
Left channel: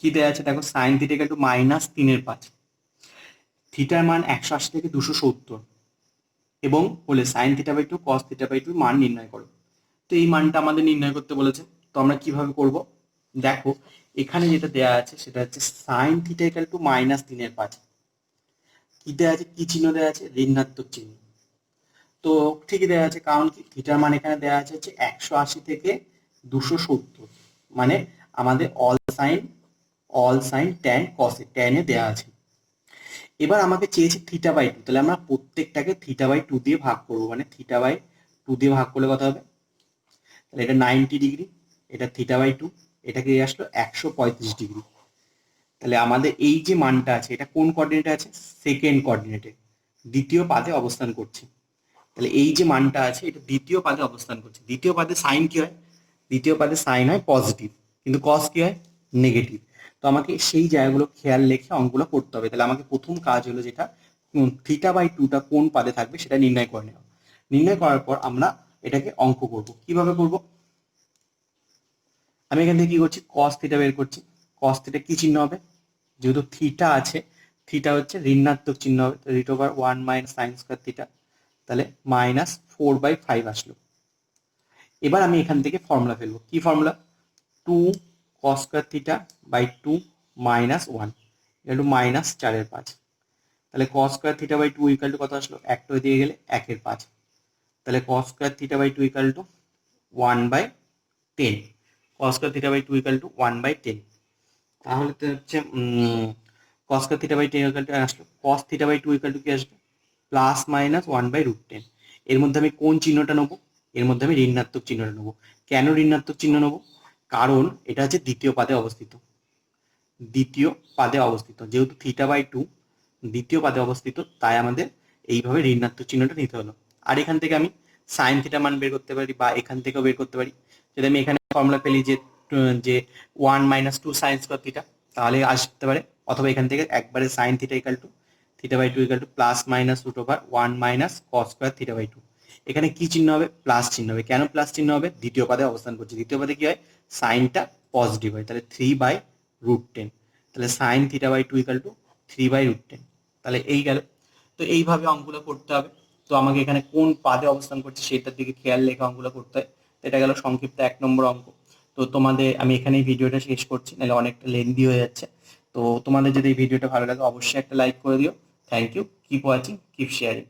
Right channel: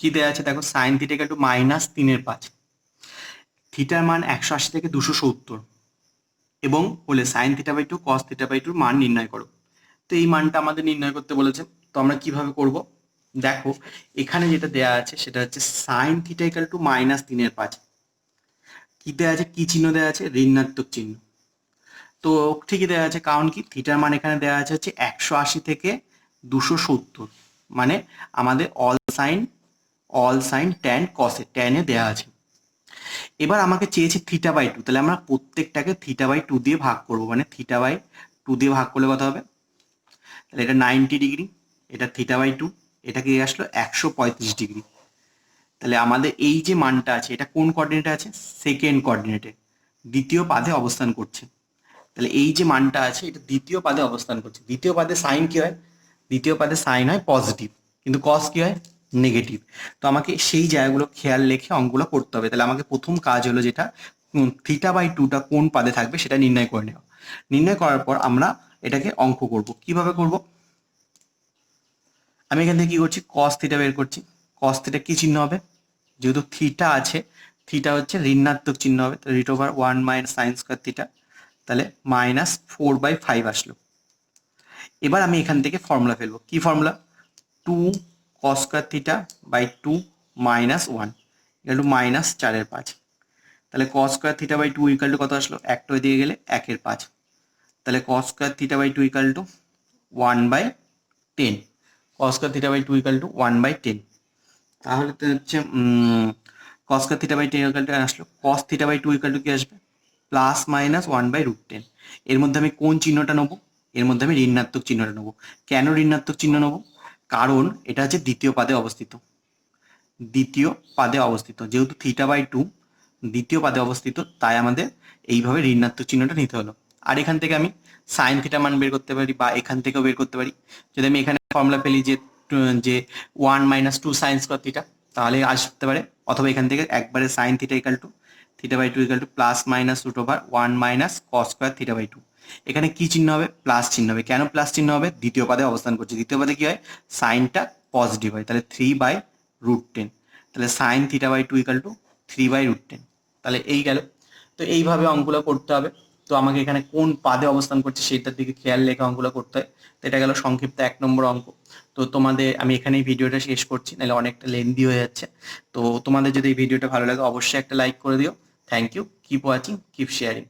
কি দেওয়া আছে দেখো, সাইন থিটা ইকুয়াল টু -3/5। থিটার মান 180 থেকে 270 এবং বলে sine theta by two cos theta by টুর মান নির্ণয় করো। তো এই মানটা আমাদের নির্ণয় করতে বলেছে। তো আমরা কিভাবে করব? দেখো এখানে যেটা দেয়া আছে সেটা হচ্ছে সাইন থিটা ইকুয়াল টু -3/5। কি দেয়া আছে? কি চিহ্ন দেয়া আছে? ঋণাত্মক চিহ্ন। তো ঠিকই দেওয়া আছে, কারণ কি থিটার মান এখানে দেওয়া আছে হচ্ছে 180 থেকে 270, মানে আমাদের অল সাইন ট্যান কসে ট্যানে দেওয়া আছে। এবার আমাকে চেয়েছে থিটা বাই টু, তাহলে আমরা প্রত্যেকটাকে থিটা বাই টু দিয়ে ভাগ করবো, মানে থিটা বাই টু দিয়ে ভাগ করলে কত হবে? তাহলে এটা 90 ডিগ্রি, এটা থিটা বাই টু, এটা কি আসলো 135 ডিগ্রি। তাহলে আমাদের এই যে মানটা আছে এটা কোন কোঅর্ডিনেটে আছে? সেকেন্ড কোঅর্ডিনেটে, দ্বিতীয় পাদে অবস্থান করছে। তাহলে এই যে মানটা আছে এটা দ্বিতীয় পাদে অবস্থান করছে। দ্বিতীয় পাদে সাইন কি হয়? দ্বিতীয় পাদে সাইন হয় পজিটিভ, কিন্তু কস কি হয়? নেগেটিভ। তো আমাকে সেই জায়গাগুলো খেয়াল রেখে অঙ্কগুলো করতে হবে। তাহলে আমাকে প্রথম কাজ হলো যেটা, থিটা বাই টুটা কোন পাদে থাকবে সেটা নির্ণয় করে নেওয়া। নির্ণয় করার পর আমরা এটাকে অঙ্ক করব। কিভাবে করব? আমি এখান থেকে কি করছি? কস থিটা বের করছি। কস থিটা কি চিহ্ন হবে? যেহেতু থিটা আছে, থিটা হচ্ছে ঋণাত্মক চিহ্ন হবে, তো writ over 1 minus sine square theta, তাহলে -4/5 আসলো। এবার আমি এখান থেকে ফর্মুলা ফেলবো। কি formula? 2 cos square theta by 2 minus 1 equal to -4/5। তাহলে cos square theta by 2 equal to কত আসলো? একটা দিয়ে গেলে 1/5। তাহলে cos square theta by 2 equal to 1/10। Cos square theta by 2 equal to 1/10। তাহলে তো হচ্ছে cos square theta by 10 equal to আসলো, cos theta by 2 equal to কি আসবে? +-1/√10। এর মধ্যে আমি কোন চিহ্নটা নেবো? এর মধ্যে আমি ঋণাত্মক চিহ্নটা নেবো। কেন ঋণাত্মক চিহ্ন নেবো? কারণ এটা হচ্ছে দ্বিতীয় পাদে অবস্থিত। দ্বিতীয় পাদে অবস্থিত, যেহেতু থিটা বাই টু দ্বিতীয় পাদে অবস্থিত, তাই আমাদের এইভাবে ঋণাত্মক চিহ্নটা নিতে হলো। আর এখান থেকে আমি সাইন থিটা মান বের করতে পারি, বা এখান থেকেও বের করতে পারি। যদি আমি এখানে ফর্মুলা ফেলি যে 1 মাইনাস 2 সাইন স্কয়ার থিটা, তাহলে আসতে পারে। অথবা এখান থেকে একবারে sine theta equal to theta by two equal to +-√1 minus cos square theta by two. এখানে কি চিহ্ন হবে? প্লাস চিহ্ন হবে। কেন প্লাস চিহ্ন হবে? দ্বিতীয় পাদে অবস্থান করছে। দ্বিতীয় পাদে কি হয়? সাইনটা পজিটিভ হয়, তাহলে 3/√10। তাহলে sine theta by two equal to 3/√10। তাহলে এই গেল। তো এইভাবে অঙ্কগুলো করতে হবে। তো আমাকে এখানে কোন পাদে অবস্থান করছে সেটার দিকে খেয়াল রেখে অঙ্কগুলো করতে হয়। তো এটা গেল সংক্ষিপ্ত 1 নম্বর অঙ্ক। তো তোমাদের আমি এখানেই ভিডিওটা শেষ করছি, নাহলে অনেকটা লেন্দি হয়ে যাচ্ছে। তো তোমাদের যদি এই ভিডিওটা ভালো লাগে অবশ্যই একটা লাইক করে দিও। Thank you, keep watching, keep sharing.